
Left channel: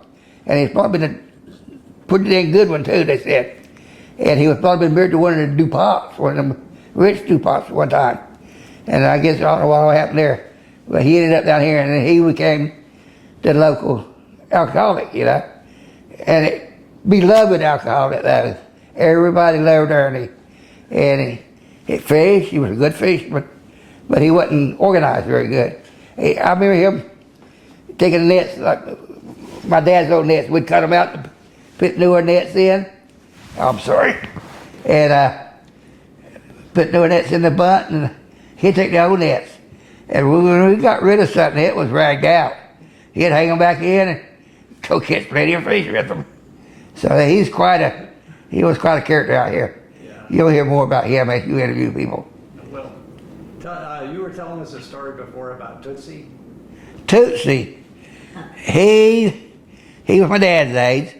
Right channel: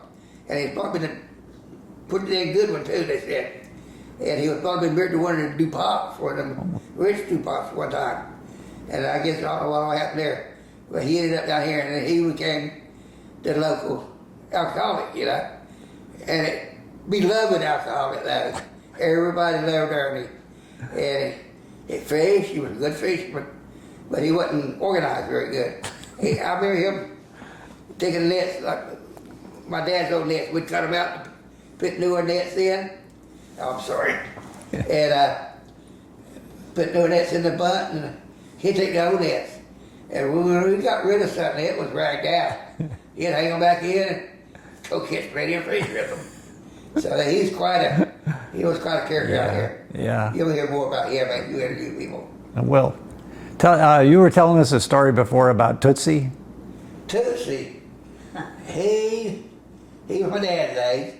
And he's probably been a pretty dang good one too, they said. And he was probably married to one of the DuPonts, one of them rich DuPonts one time. And I guess I don't know what happened there. But he ended up down here and then he became the local alcoholic, you know. And beloved alcoholic, that is. Everybody loved Ernie. And he fished, he was a good fisherman, but he wasn't organized very good. I remember him taking the nets, like my dad's old nets, we'd cut them out and put newer nets in. I'm sorry. And put newer nets in the butt, and he'd take the old nets. And when we got rid of something, it was ragged out. He'd hang them back in and go catch plenty of fish with them. So he was quite a character out here. Yeah. You'll hear more about him as you interview people. Well, you were telling us a story before about Tootsie. Tootsie, he was my dad's age.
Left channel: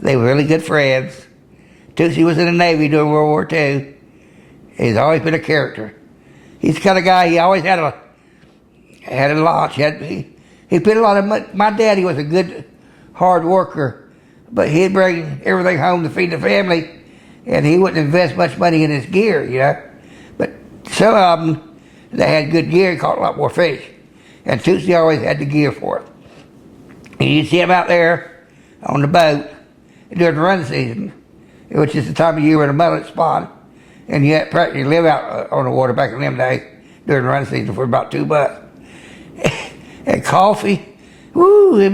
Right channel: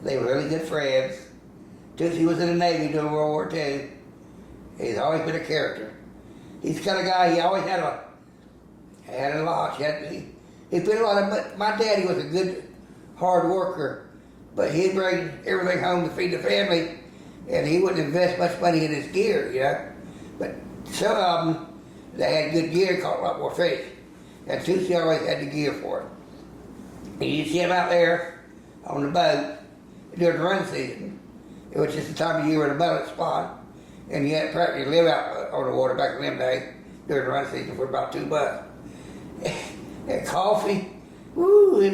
They were really good friends. Tootsie was in the Navy during World War II. He's always been a character. He's the kind of guy, he always had a launch. He put a lot of money. My daddy was a good, hard worker, but he'd bring everything home to feed the family, and he wouldn't invest much money in his gear, you know. But some of them, they had good gear and caught a lot more fish. And Tootsie always had the gear for it. And you'd see him out there on the boat during the run season, which is the time of year where the mullet spawn. And you had to practically live out on the water back in them days during the run season for about $2. And coffee, woo, it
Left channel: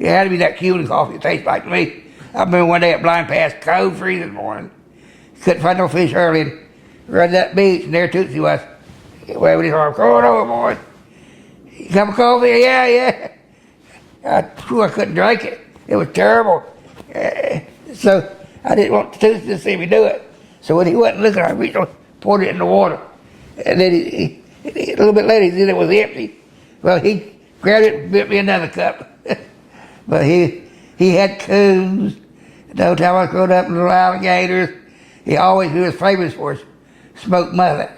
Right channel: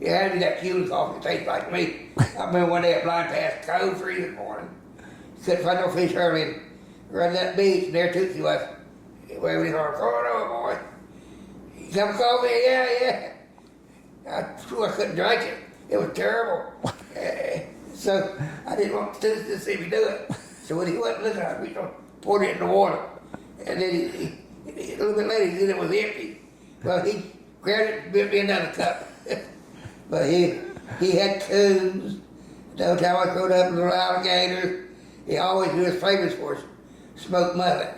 had to be that Cuban coffee. It tastes like to me. I remember one day at Blind Pass, cold freezing morning. Couldn't find no fish early and run to that beach, and there Tootsie was. Waving his arm, come on over, boy. You cup of coffee? Yeah. I couldn't drink it. It was terrible. So I didn't want Tootsie to see me do it. So when he wasn't looking, I reached over, poured it in the water. And then he a little bit later, he said it was empty. Well, he grabbed it and built me another cup. But he had coons. The whole time I was growing up, little alligators. He was famous for his smoked mullet.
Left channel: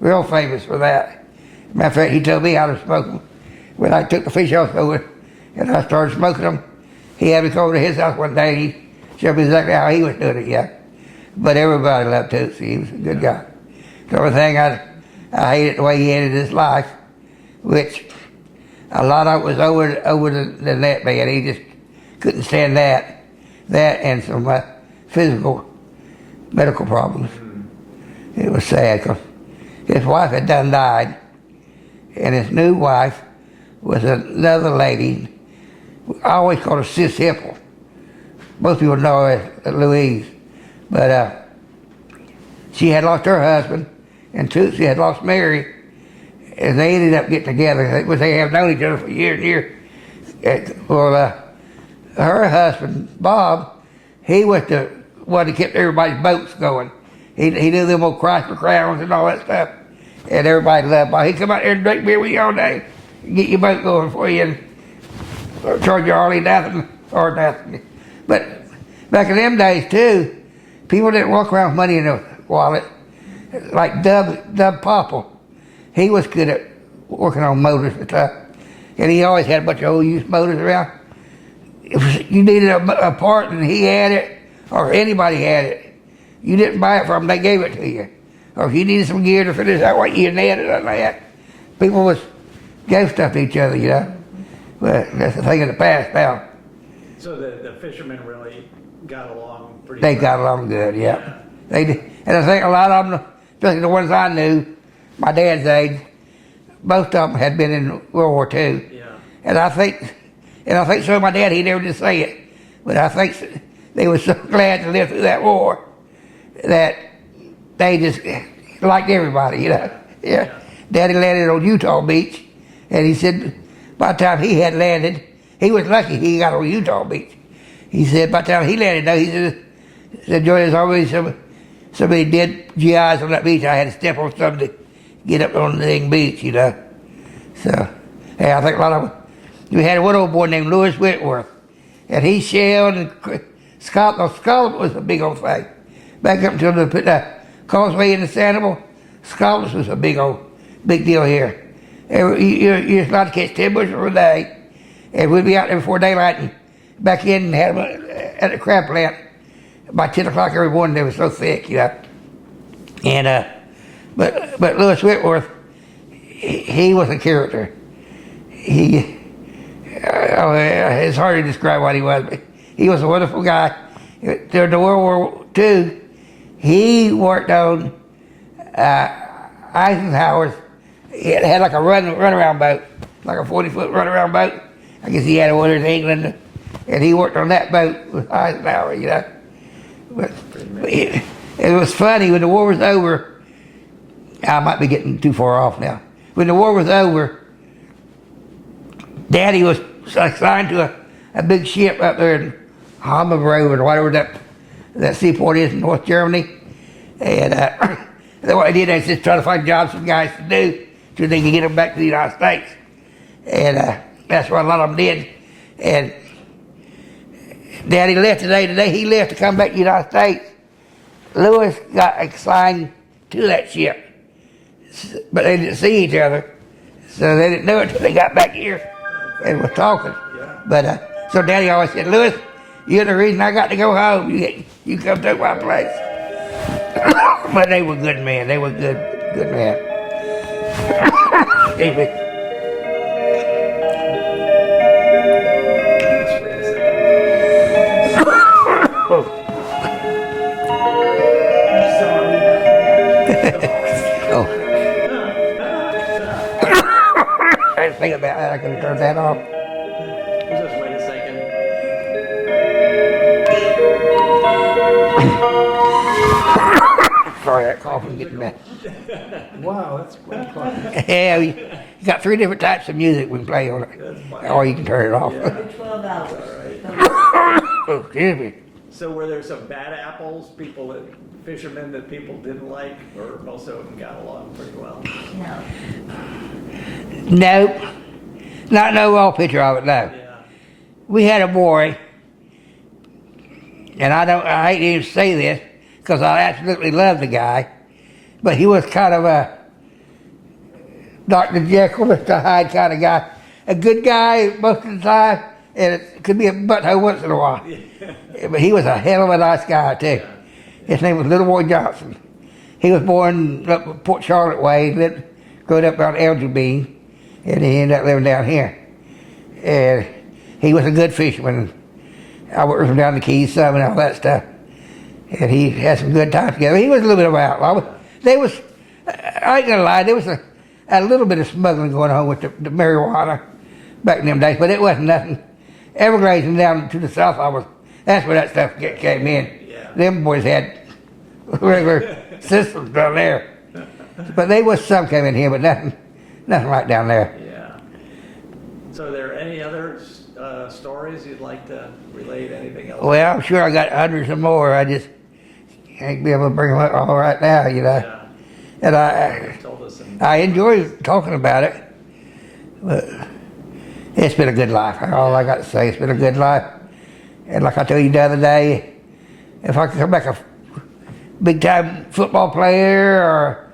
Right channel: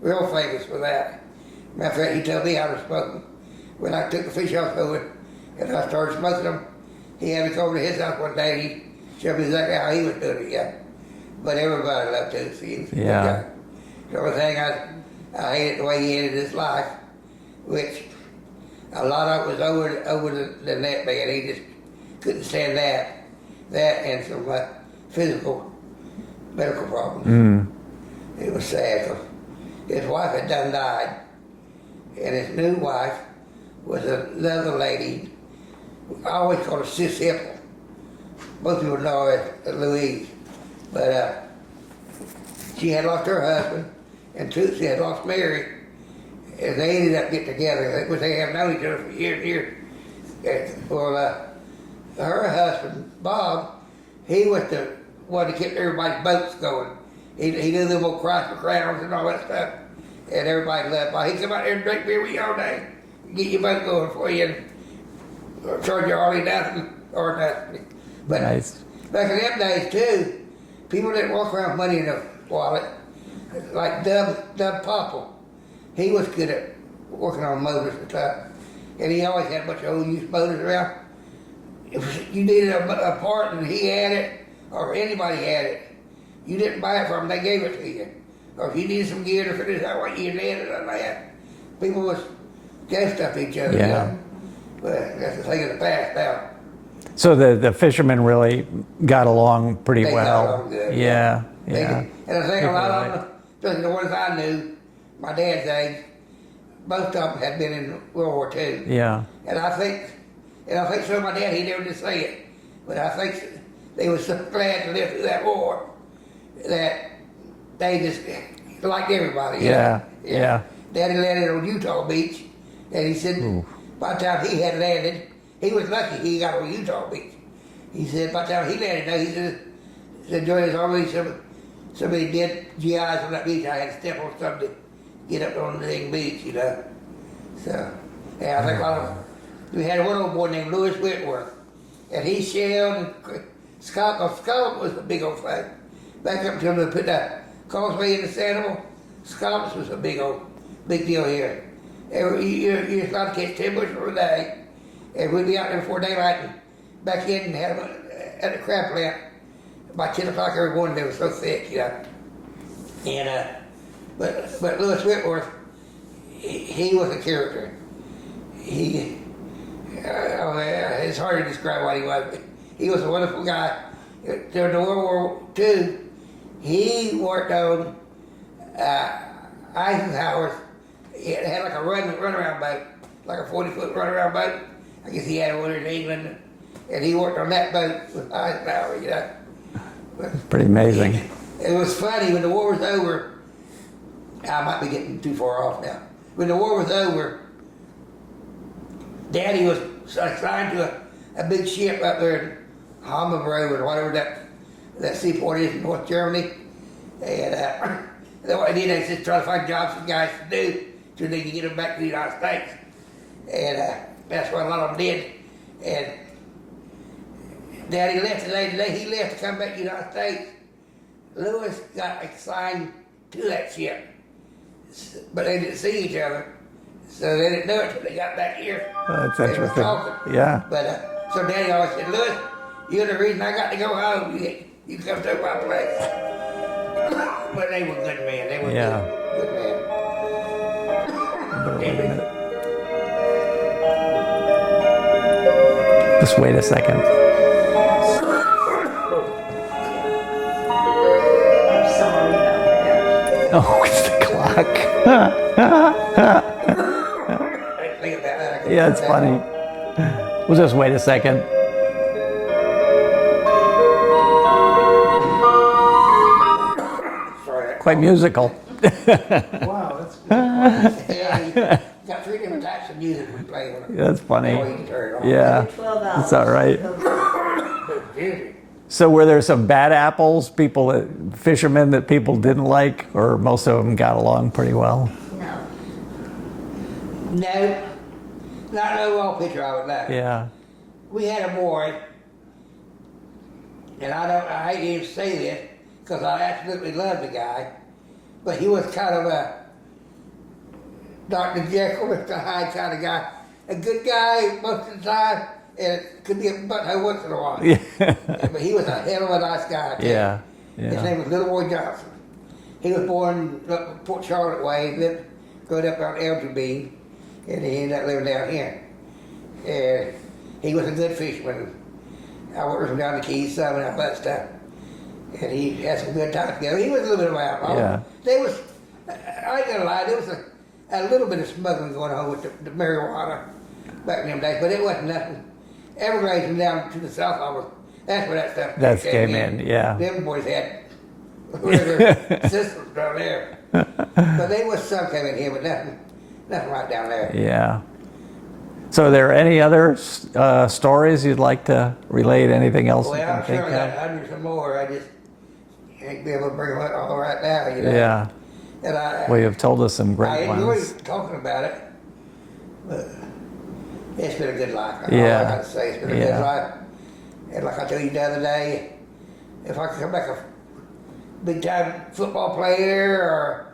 Real famous for that. Matter of fact, he told me how to smoke them. When I took the fish off over and I started smoking them, he had me come over to his house one day and he showed me exactly how he was doing it, yeah. But everybody loved Tootsie. He was a good guy. The only thing I hated the way he ended his life, which a lot of it was over the net man. He just couldn't stand that and some physical, medical problems. It was sad because his wife had done died, and his new wife was another lady. I always called her Sis Hipple. Most people know her as Louise. But she had lost her husband, and Tootsie had lost Mary, and they ended up getting together. They have known each other for years and years. Her husband, Bob, he was the one that kept everybody's boats going. He knew them old Chrysler Crowns and all that stuff, and everybody loved Bob. He'd come out there and drink beer with you all day, and get your boat going for you, and charge you hardly nothing or nothing. But Nice. back in them days too, people didn't walk around with money in their wallet. Like Dub Popple, he was good at working on motors and stuff, and he always had a bunch of old used motors around. If you needed a part and he had it, or anybody had it, you didn't buy it from them, they gave it to you. Or if you needed some gear to finish out what you had it on that, people was gave stuff to each other, you know. But that's the thing of the past now. So the fishermen really got along pretty They well. got along good, Yeah. They did. And I think a lot of them, especially the ones I knew, my dad's age, most of them had been in World War II. Yeah. And I think so my dad, he never did say it, but I think they were so glad to live through that war that they just liked everybody, you know. Yeah. Daddy landed on Utah Beach, and he said by the time he had landed, he was lucky he got on Utah Beach. He said by the time he landed, though, he said, Joy, there's always somebody dead GIs on that beach. I had to step on something to get up on the dang beach, you know. So, yeah, I think a lot of them. We had one old boy named Lewis Whitworth, and he shelled and Scotland was a big old thing. Back up until they put that causeway in the Sanibel, Scotland was a big deal here. You're allowed to catch 10 bushels a day, and we'd be out there before daylight and back in and have them at the crab plant by 10 o'clock every morning. They were so thick, you know. And but Lewis Whitworth, he was a character. It's hard to describe what he was, but he was a wonderful guy. During the World War II, he worked on Eisenhower's. It had like a runaround boat, like a 40-foot runaround boat. I guess he had one in England, and he worked on that boat with Eisenhower, you know. But Pretty amazing. it was funny when the war was over. I might be getting too far off now. When the war was over, Daddy was assigned to a big ship up there in Hammergrove or whatever that seaport is in North Germany. And what they did is just try to find jobs for guys to do so they could get them back to the United States. And that's what a lot of them did. And Daddy left today. Today he left to come back to the United States. Lewis got assigned to that ship, but they didn't see each other, so they didn't know it until they got back here. They was talking. Yeah. But so Daddy always said, Lewis, you're the reason I got to go home. You come to my place. But they were good men. They were good men. Just wait a second. Oh, it's the clock. I didn't think about that. I could Yeah, turn it's that funny. off. We'll just wait a second. Sorry, Quite musical. Wow, that's quite Yeah, you got 3 different types of music we play on it. That's funny. Or you can turn it off. Yeah, 12 hours. it's all right. Excuse me. So were there some bad apples, fishermen that people didn't like, or most of them got along pretty well? No. Nope. Not no raw picture of it, no. Yeah. We had a boy, and I hate to even say this, because I absolutely love the guy, but he was kind of a Dr. Jekyll, Mr. Hyde kind of guy. A good guy most of the time, and it could be a butthole once in a while. Yeah. But he was a hell of a nice guy, too. Yeah. His name was Little Boy Johnson. He was born up Port Charlotte way, and grew up around Elgin, and he ended up living down here. And he was a good fisherman. I worked with him down the Keys some and all that stuff. And he had some good times together. He was a little bit of an outlaw. Yeah. There was, I ain't gonna lie, there was a little bit of smuggling going on with the marijuana back in them days, but it wasn't nothing. Everglades and down to the south, that's where that stuff came in. Yeah. Them boys had regular systems down there. But there was some came in here, but nothing right down there. Yeah. So are there any other stories you'd like to relate? Anything else? Well, I'm sure I got hundreds of more. I just can't be able to bring them up all right now, you know. Yeah. And Well, you've told us some great I enjoy ones. talking about it, but it's been a good life. All Yeah. I got to say, it's been a good life. And like I told you the other day, if I could come back a big time football player or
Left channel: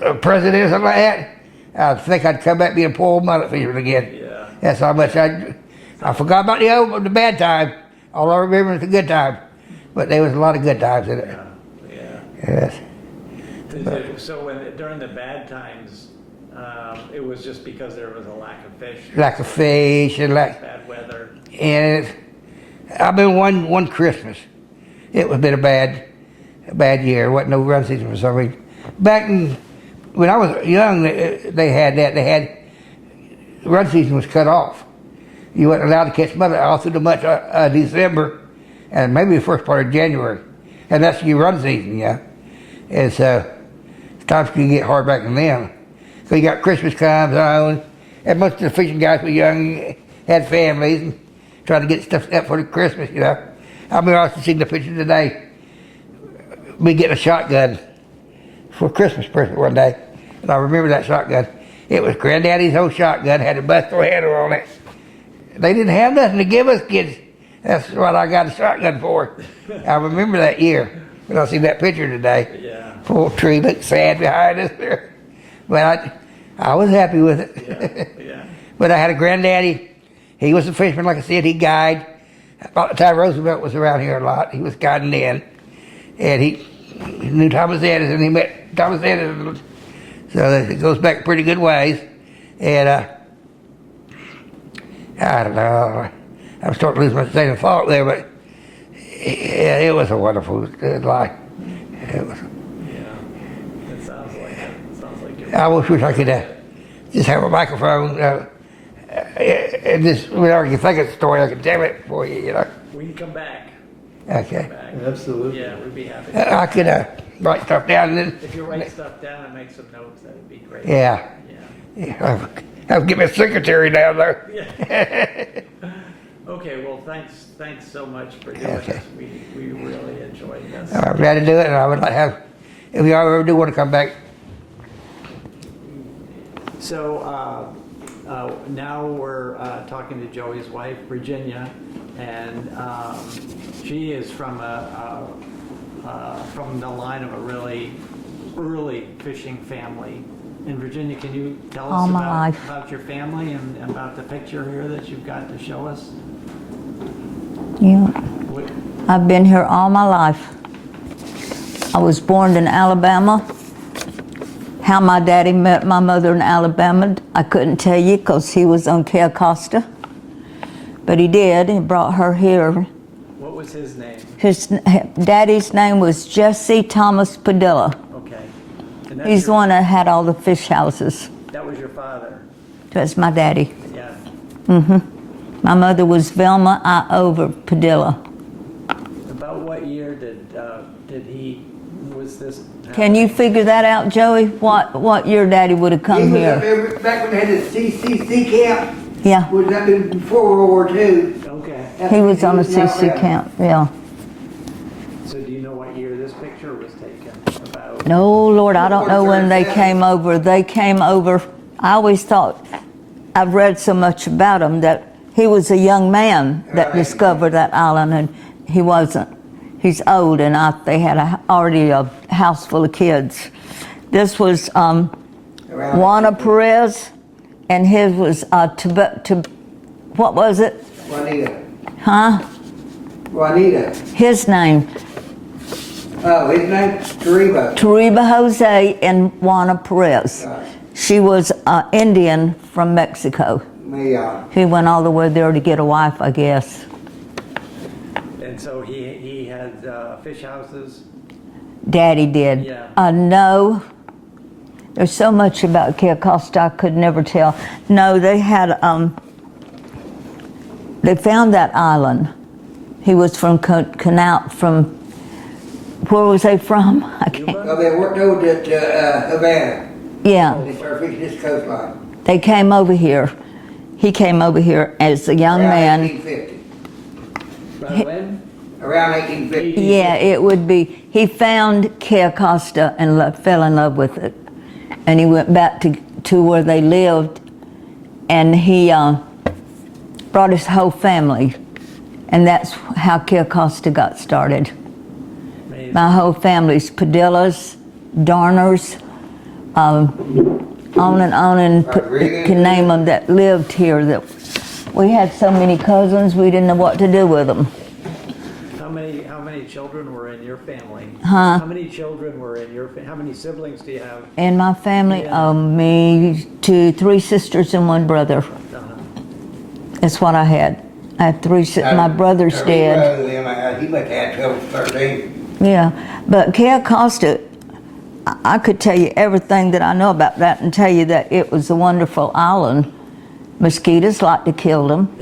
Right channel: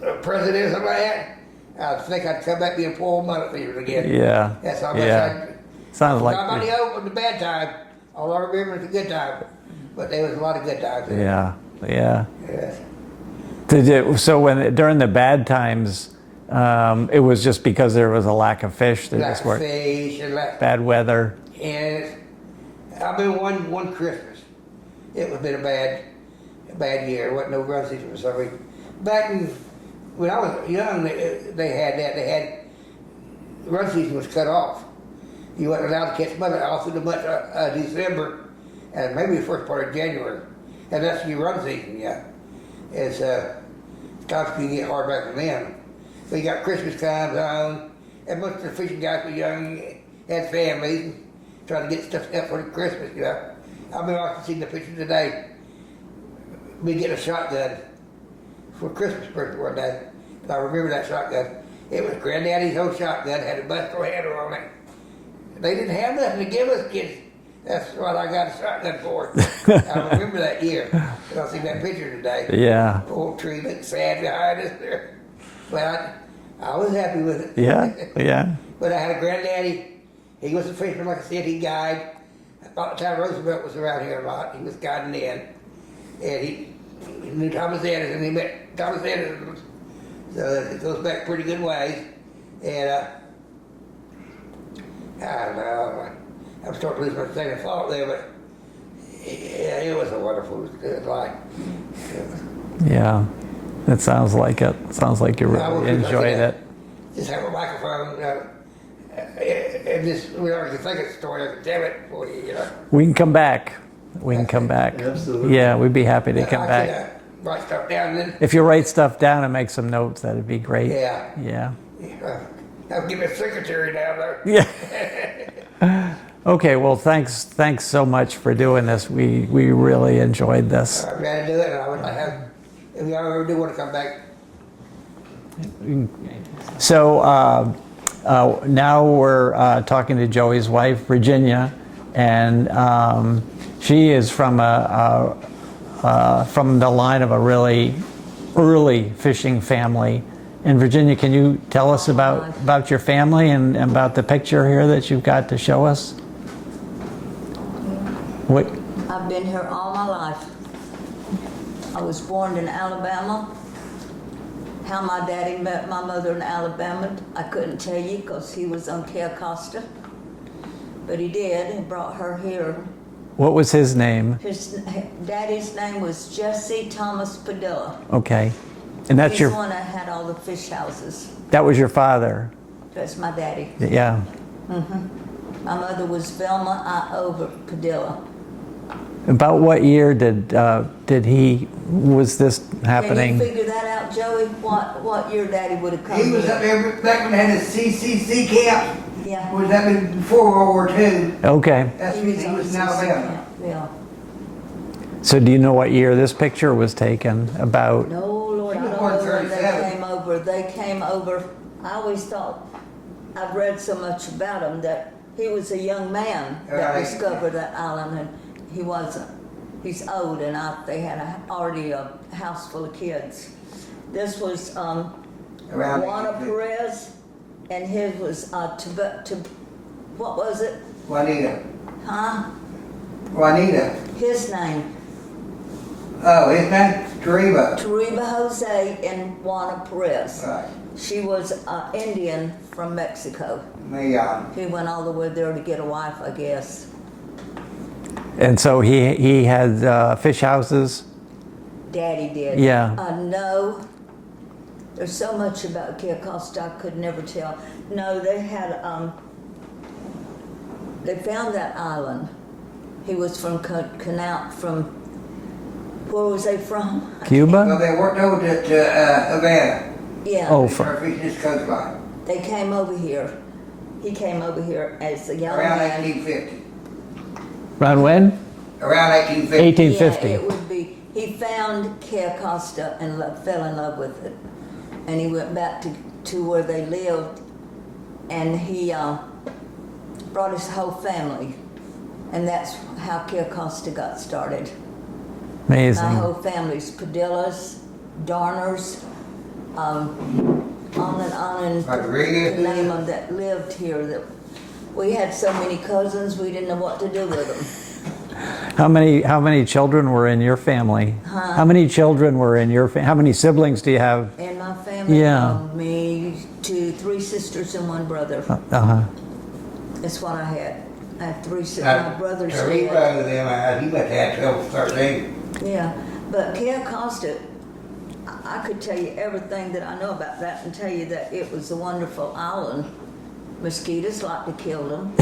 a president or something like that, I think I'd come back being a poor mullet fisherman again. Yeah. That's how much Yeah. I Sounds forgot like about the bad time. All I remember is the good time. But there was a lot of good times in it. Yeah, yeah. Yes. So during the bad times, it was just because there was a lack of fish. There Lack just of weren't- fish and bad weather. and I've been one Christmas. It was been a bad year. There wasn't no run season for some reason. Back when I was young, they had that. They had run season was cut off. You wasn't allowed to catch mullet all through the month of December and maybe the first part of January, and that's your run season, yeah. And so times can get hard back in them. So you got Christmas comes on, and most of the fishing guys were young, had families, and trying to get stuff up for the Christmas, you know. I'll be honest, seeing the picture today. Me getting a shotgun for a Christmas present one day, and I remember that shotgun. It was Granddaddy's old shotgun, had a busto handle on it. They didn't have nothing to give us kids. That's what I got a shotgun for. I remember that year, and I see that picture today. Yeah. Full tree, looked sad behind us there. But I was happy with it. Yeah, yeah. But I had a granddaddy. He was a fisherman, like I said. He guided. About the time Roosevelt was around here a lot, he was guiding then. And he knew Thomas Edison. He met Thomas Edison. So it goes back pretty good ways. And I don't know. I'm starting to lose my train of thought there, but it was a wonderful life. It was. Yeah. It sounds like it. Sounds like you really I wish I could enjoyed it. just have a microphone. And just whenever you think of a story, I can tell it for you. You know, We can come back. We can Okay. come back. Absolutely. Yeah, we'd be happy to come I could back. write stuff down and then If you write stuff down and make some notes, that'd be great. yeah. Yeah. I'll give me a secretary down there. Yeah. Okay, well, thanks so much for doing this. We really enjoyed this. I'm glad to do it, and I would like to have, if you ever do want to come back. So now we're talking to Joey's wife, Virginia, and she is from the line of a really early fishing family. And Virginia, can you tell us All my life. about your family and about the picture here that you've got to show us? Yeah. What? I've been here all my life. I was born in Alabama. How my daddy met my mother in Alabama, I couldn't tell you because he was on Cayo Costa. But he did, he brought her here. What was his name? His daddy's name was Jesse Thomas Padilla. Okay. And that's He's your, the one that had all the fish houses. that was your father. That's my daddy. Yeah. My mother was Velma Iover Padilla. About what year was this happening? Can you figure that out, Joey? What year Daddy would have come He was up here? there back when they had the CCC camp. Yeah, Was that before World War II? Okay. That's he when was on a in CC Alabama. camp. Yeah. So do you know what year this picture was taken? About? No, Lord, I don't know when they came over. They came over. I always thought, I've read so much about him that he was a young man that Right. discovered that island, and he wasn't. He's old, and they had already a house full of kids. This was Juana Perez, and his was what was it? Juanita. Huh? Juanita. His name, Oh, his name? Toribio. Toribio Jose and Juana Perez. Right. She was Indian from Mexico. He went all the way there to get a wife, I guess. And so he had fish houses. Daddy did. Yeah. No. There's so much about Cayo Costa I could never tell. No, they had, they found that island. He was from Canal, from, where was they from? I can't- Cuba? Oh, they worked over at Havana. Yeah. Oh, They started fishing this coastline. They came over here. He came over here as a young Around man. 1850. Around when? Around 1850. 1850. Yeah, it would be. He found Cayo Costa and fell in love with it. And he went back to where they lived, and he brought his whole family. And that's how Cayo Costa got started. Amazing. My whole family's Padillas, Darners, on and on, and can name them that lived here. That we had so many cousins, we didn't know what to do with them. How many children were in your family? Huh? How many children were in your family? How many siblings do you have? In my family, Yeah. me, 3 sisters and 1 brother. Uh-huh. That's what I had. I have 3 sisters. My brother's dead. He must have had 12, 13. Yeah, but Cayo Costa, I could tell you everything that I know about that and tell you that it was a wonderful island. Mosquitoes like to kill them.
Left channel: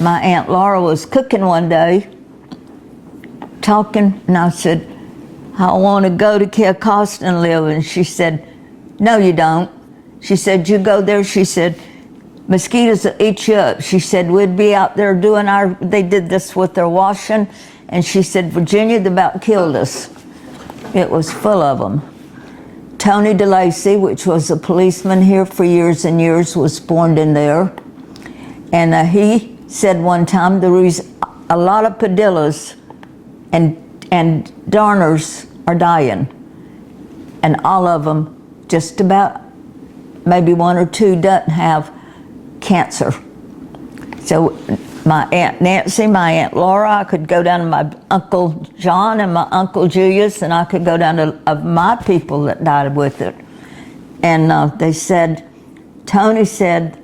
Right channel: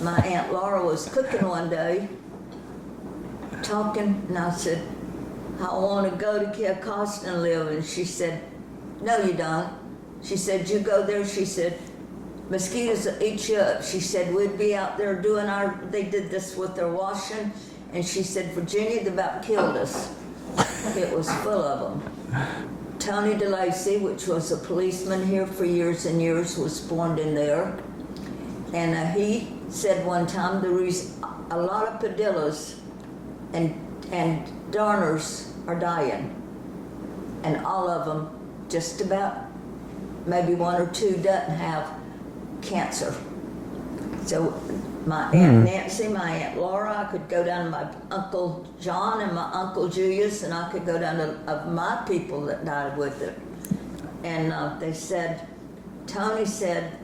My Aunt Laura was cooking one day, talking, and I said, I want to go to Cayo Costa and live. And she said, no, you don't. She said, you go there. She said, mosquitoes will eat you up. She said, we'd be out there doing they did this with their washing. And she said, Virginia, they about killed us. It was full of them. Tony DeLacy, which was a policeman here for years and years, was born in there. And he said one time there was a lot of Padillas and Darners are dying. And all of them, just about, maybe 1 or 2 doesn't have cancer. So my Aunt Nancy, my Aunt Laura, I could go down to my Uncle John and my Uncle Julius, and I could go down to my people that died with it. And they said, Tony said,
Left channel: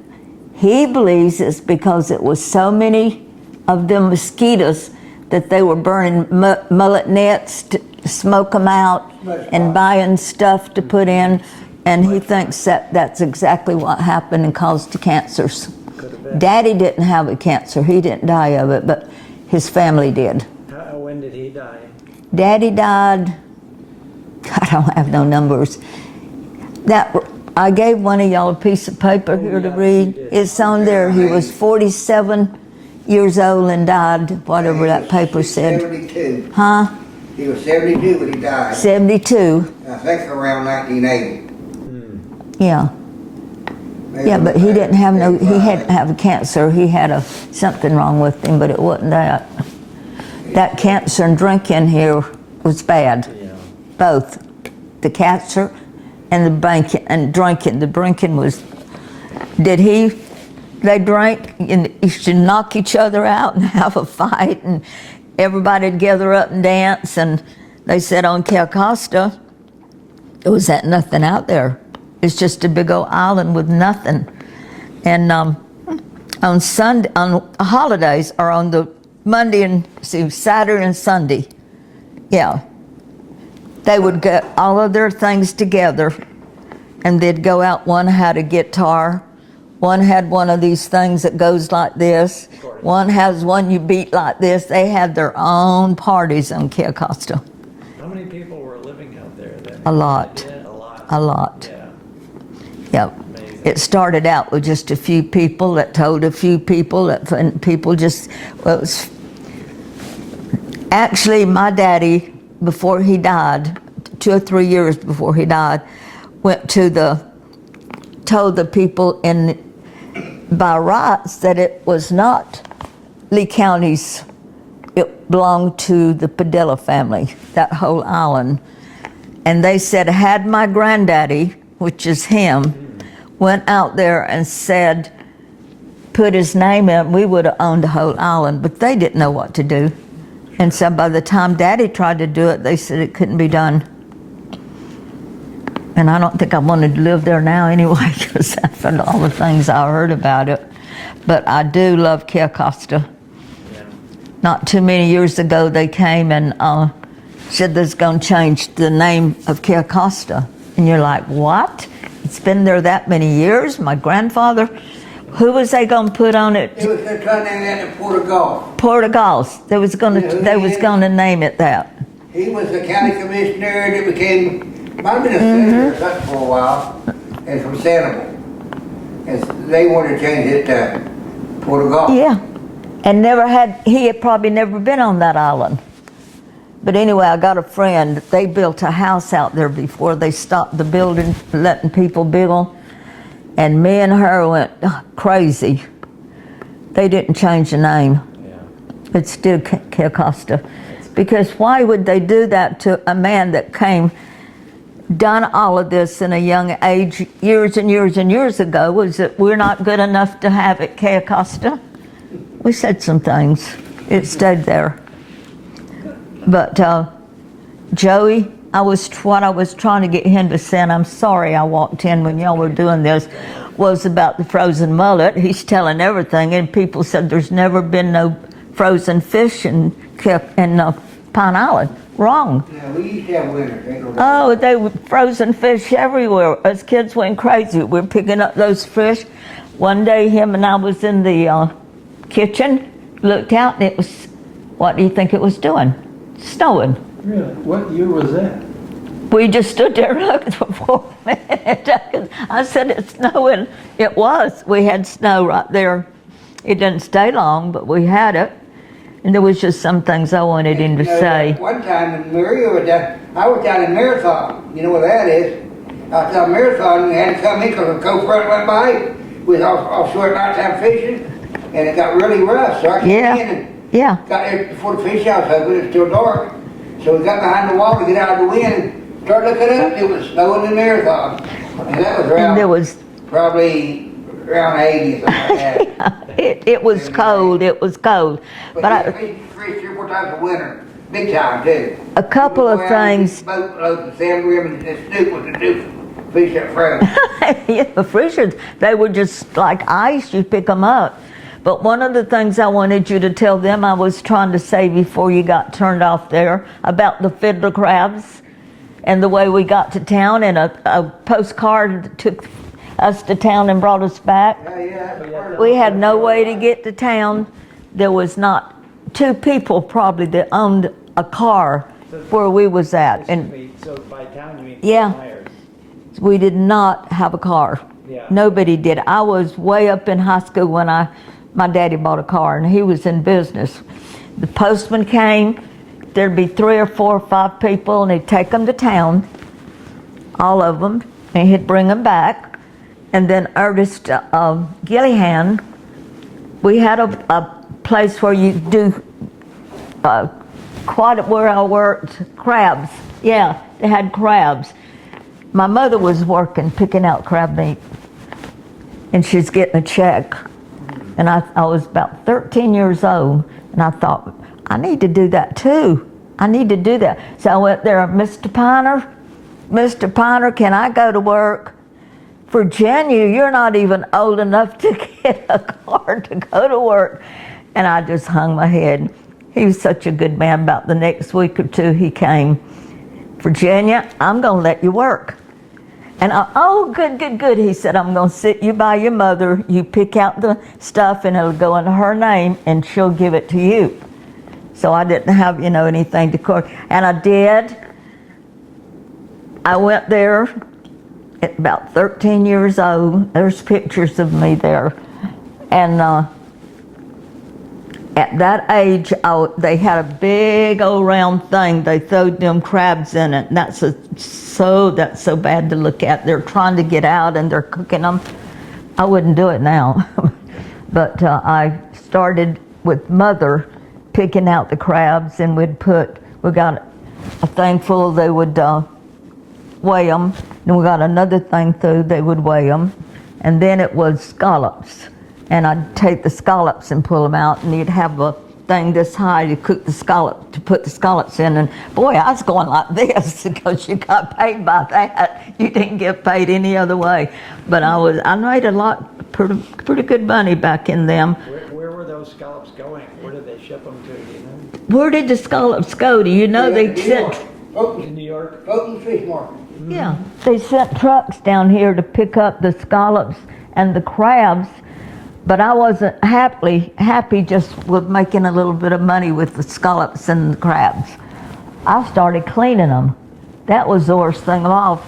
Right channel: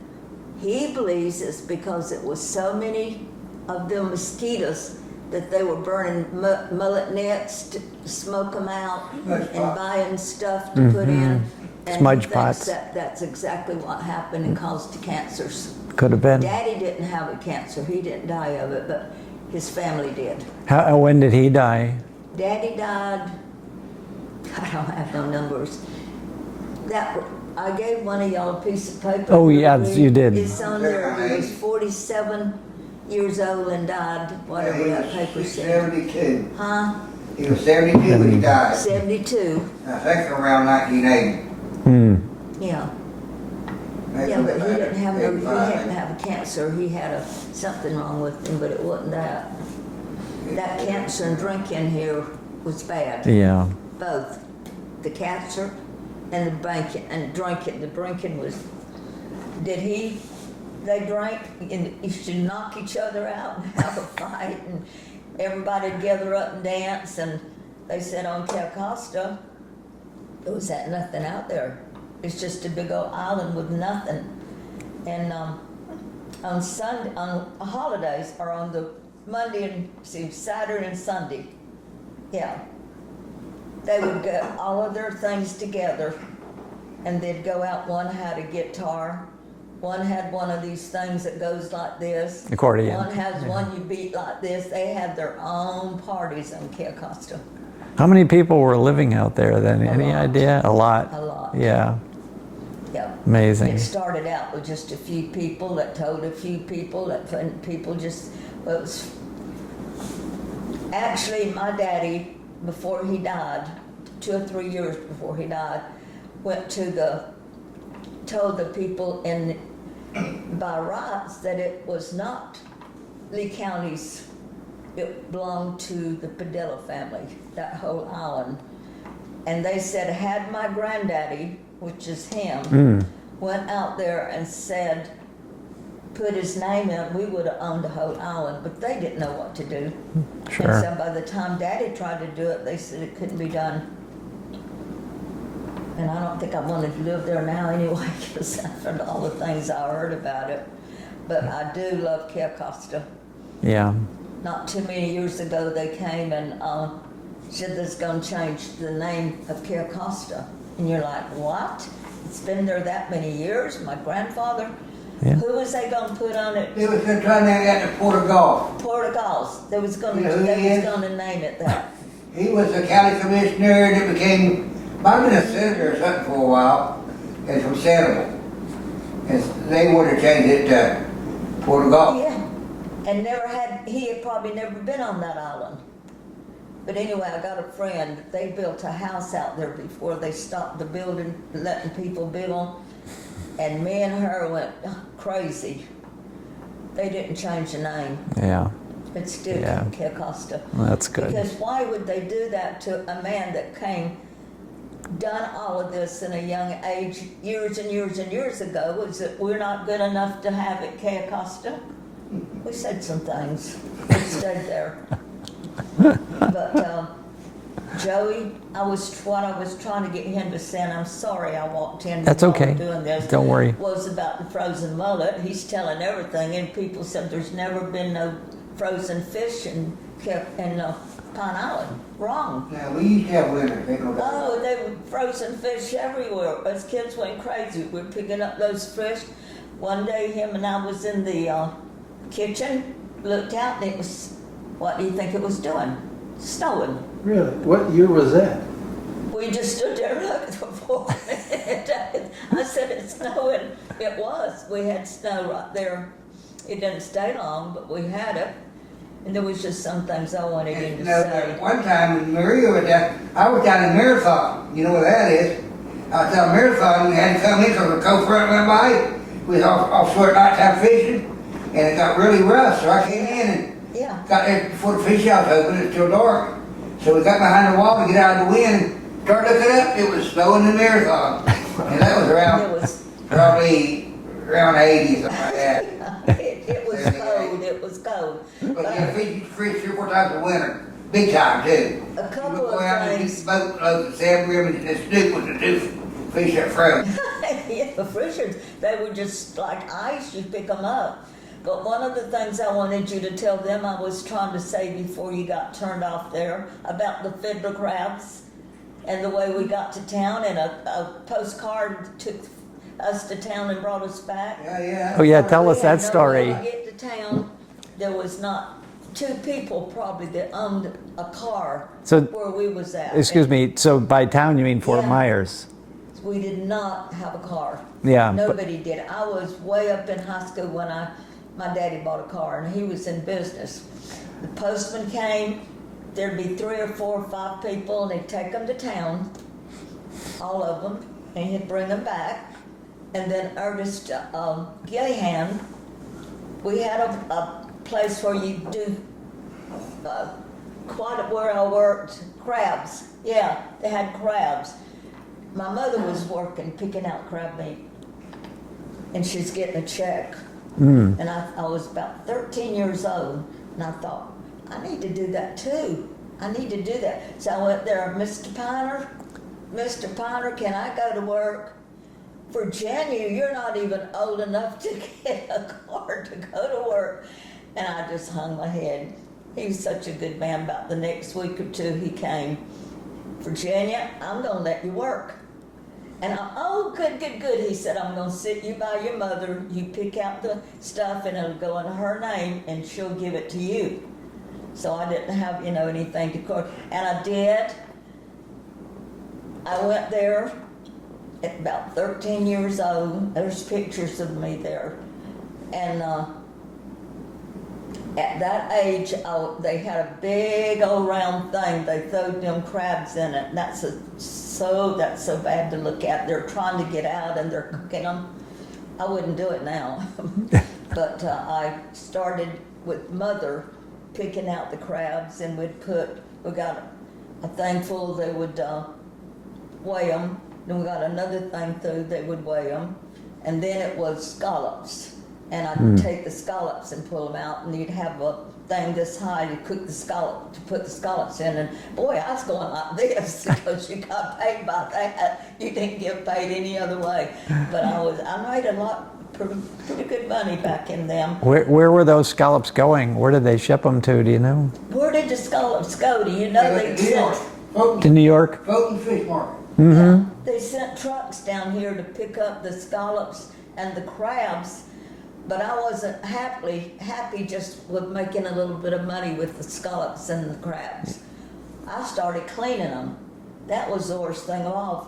he believes it's because it was so many of them mosquitoes that they were burning mullet nets to smoke them out and buying stuff to put in. And he thinks that that's exactly what happened and caused the cancers. Could have been. Daddy didn't have a cancer. He didn't die of it, but his family did. When did he die? Daddy died, I don't have no numbers. I gave one of y'all a piece of paper here to read. You did. It's on there. He was 47 years old and died, whatever that paper said. 72. Huh? He was 72 when he died. 72. I think around 1980. Yeah. Yeah, but he didn't have he hadn't have a cancer. He had something wrong with him, but it wasn't that. That cancer and drinking here was bad. Yeah. Both. The cancer and the drinking. The drinking was, they drank and used to knock each other out and have a fight, and everybody'd gather up and dance, and they said on Cayo Costa, there was nothing out there. It's just a big old island with nothing. And on holidays, or on the Monday and Saturday and Sunday, yeah, they would get all of their things together, and they'd go out. One had a guitar, one had one of these things that goes like this. Accordion. One has one you beat like this. They had their own parties on Cayo Costa. How many people were living out there then? A lot. Any idea? A lot. A lot. Yeah. Yep. Amazing. It started out with just a few people that told a few people, and people just, well, actually my daddy, before he died, 2 or 3 years before he died, told the people by rights that it was not Lee County's, it belonged to the Padilla family, that whole island. And they said, had my granddaddy, which is him, went out there and said, put his name in, we would have owned the whole island, but they didn't know what to do. Sure. And so by the time Daddy tried to do it, they said it couldn't be done. And I don't think I wanted to live there now anyway, because after all the things I heard about it. But I do love Cayo Costa. Yeah. Not too many years ago, they came and said they're going to change the name of Cayo Costa. And you're like, what? It's been there that many years? My grandfather? Yeah. Who was they going to put on it? It was trying to name that to Portugal. Portugals. They was going to name it that. He was the county commissioner, and it became, might have been a senator or something for a while, and from Sanibel. And they wanted to change it to Portugal. Yeah. And he had probably never been on that island. But anyway, I got a friend, they built a house out there before they stopped the building, letting people build. And me and her went crazy. They didn't change the name. Yeah. It's still Yeah. Cayo Costa. That's good. Because why would they do that to a man that done all of this in a young age, years and years and years ago? Was that we're not good enough to have it Cayo Costa? We said some things. It stayed there. But Joey, what I was trying to get him to say, and I'm sorry I walked in when That's y'all okay. were doing this. Don't worry. Was about the frozen mullet. He's telling everything, and people said there's never been no frozen fish in Pine Island. Wrong. Yeah, we used to have winter. Oh, they were frozen fish everywhere. Us kids went crazy. We're picking up those fish. One day, him and I was in the kitchen, looked out, and it was, what do you think it was doing? Snowing. Really? What year was that? We just stood there looking for a minute. I said, it's snowing. It was. We had snow right there. It didn't stay long, but we had it. And there was just some things I wanted him to say. One time when Maria was down, I was down in Marathon. You know where that is? I was down in Marathon and had to come in because the coast front went by. We was offshore at nighttime fishing, and it got really rough. So I came in and got there before the fish house opened. It's still dark. So we got behind the wall to get out of the wind and started looking up. It was snowing in Marathon. And that was around, probably around 80 something like that. It was cold. It was cold. But we fished 3 or 4 times a winter. Big time, too. A couple of things. Boat loads of sand rim and Snoop was to do fish up front. Yeah, the freshers, they were just like ice. You pick them up. But one of the things I wanted you to tell them, I was trying to say before you got turned off there, about the fiddler crabs and the way we got to town, and a postcard took us to town and brought us back. Oh yeah, tell We us that had no story. way to get to town. There was not 2 people probably that owned a car where we was at. Excuse And me, so by town you mean Fort Yeah. Myers? we did not have a car. Yeah. Nobody did. I was way up in high school when my daddy bought a car, and he was in business. The postman came, there'd be 3 or 4 or 5 people, and he'd take them to town, all of them, and he'd bring them back. And then Ernest Gillihan, we had a place where you do quite where I worked, crabs. Yeah, they had crabs. My mother was working, picking out crab meat, and she's getting a check. And I was about 13 years old, and I thought, I need to do that too. I need to do that. So I went there, Mr. Piner, can I go to work? Virginia, you're not even old enough to get a car to go to work. And I just hung my head. He was such a good man. About the next week or 2, he came. Virginia, I'm gonna let you work. And oh, good. He said, I'm gonna sit you by your mother. You pick out the stuff and it'll go into her name and she'll give it to you. So I didn't have, anything to court. And I did. I went there at about 13 years old. There's pictures of me there. And at that age, they had a big old round thing. They throwed them crabs in it. And that's so bad to look at. They're trying to get out and they're cooking them. I wouldn't do it now. But I started with Mother picking out the crabs, and we got a thing full, they would weigh them. Then we got another thing through, they would weigh them. And then it was scallops. And I'd take the scallops and pull them out, and you'd have a thing this high to put the scallops in. And boy, I was going like this because you got paid by that. You didn't get paid any other way. But I made a lot, pretty good money back in them. Where were those scallops going? Where did they ship them to? Do you know? Where did the scallops go? Do you know? They sent To New York. Fulton Fish Market. Yeah, they sent trucks down here to pick up the scallops and the crabs. But I wasn't happy just with making a little bit of money with the scallops and the crabs. I started cleaning them. That was the worst thing of all.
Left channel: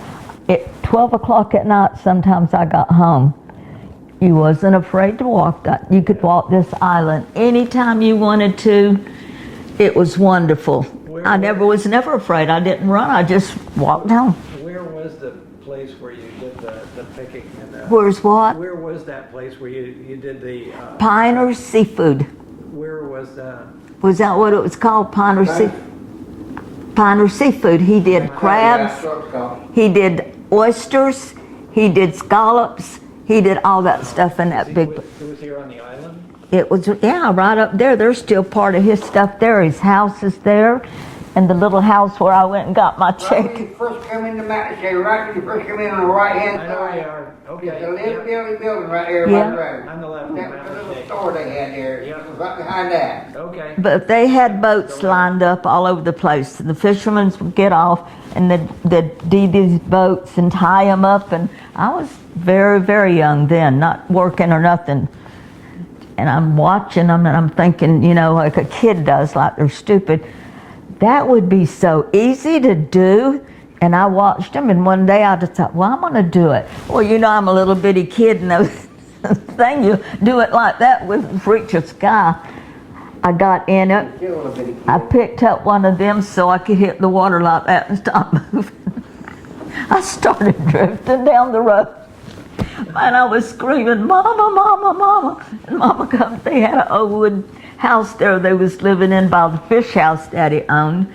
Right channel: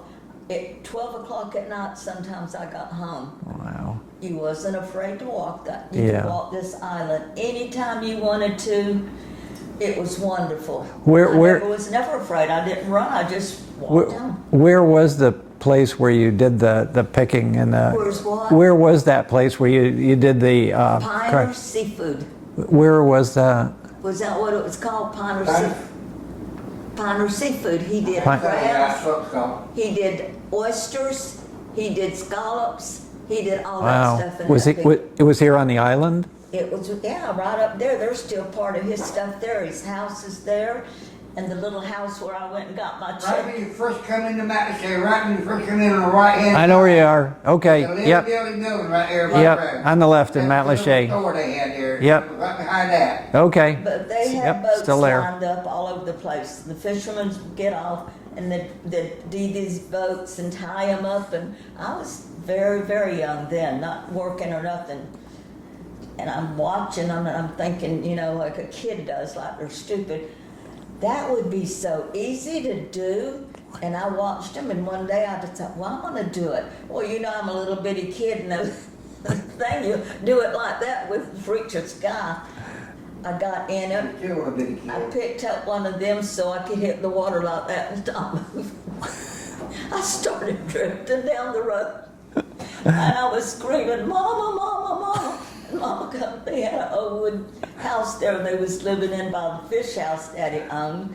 At 12 o'clock at night, sometimes I got home. Wow. You wasn't afraid to walk that. You could walk this island anytime you wanted to. It was wonderful. I was never afraid. I didn't run. I just walked home. Where was the place where you did the picking and the? Where's what? Where was that place where you did the? Piner Seafood. Where was the? Was that what it was called? Piner Seafood. He did crabs. He did oysters. He did scallops. He did all that Wow. stuff in Was that it, big. it was here on the island? It was, yeah, right up there. There's still part of his stuff there. His house is there. And the little house where I went and got my Right check. when you first come into Matlacha, right when you first come in on the right hand. I know where you are. Okay. The little Yep. building right there. Yep. right there. On the left in That little Matlacha. store they had there. Yep. It was right behind that. Okay. But they had Yep, boats still there. lined up all over the place. The fishermen would get off and they'd do these boats and tie them up. And I was very, very young then, not working or nothing. And I'm watching them and I'm thinking, you know, like a kid does, like they're stupid. That would be so easy to do. And I watched them, and one day I just thought, well, I'm going to do it. Well, you know, I'm a little bitty kid, and those thing, you do it like that with reach the sky. I got in it. You're a little bitty kid. I picked up one of them so I could hit the water like that and stop moving. I started drifting down the road. And I was screaming, Mama, Mama, Mama. And Mama come, they had an old wood house there they was living in by the fish house Daddy owned.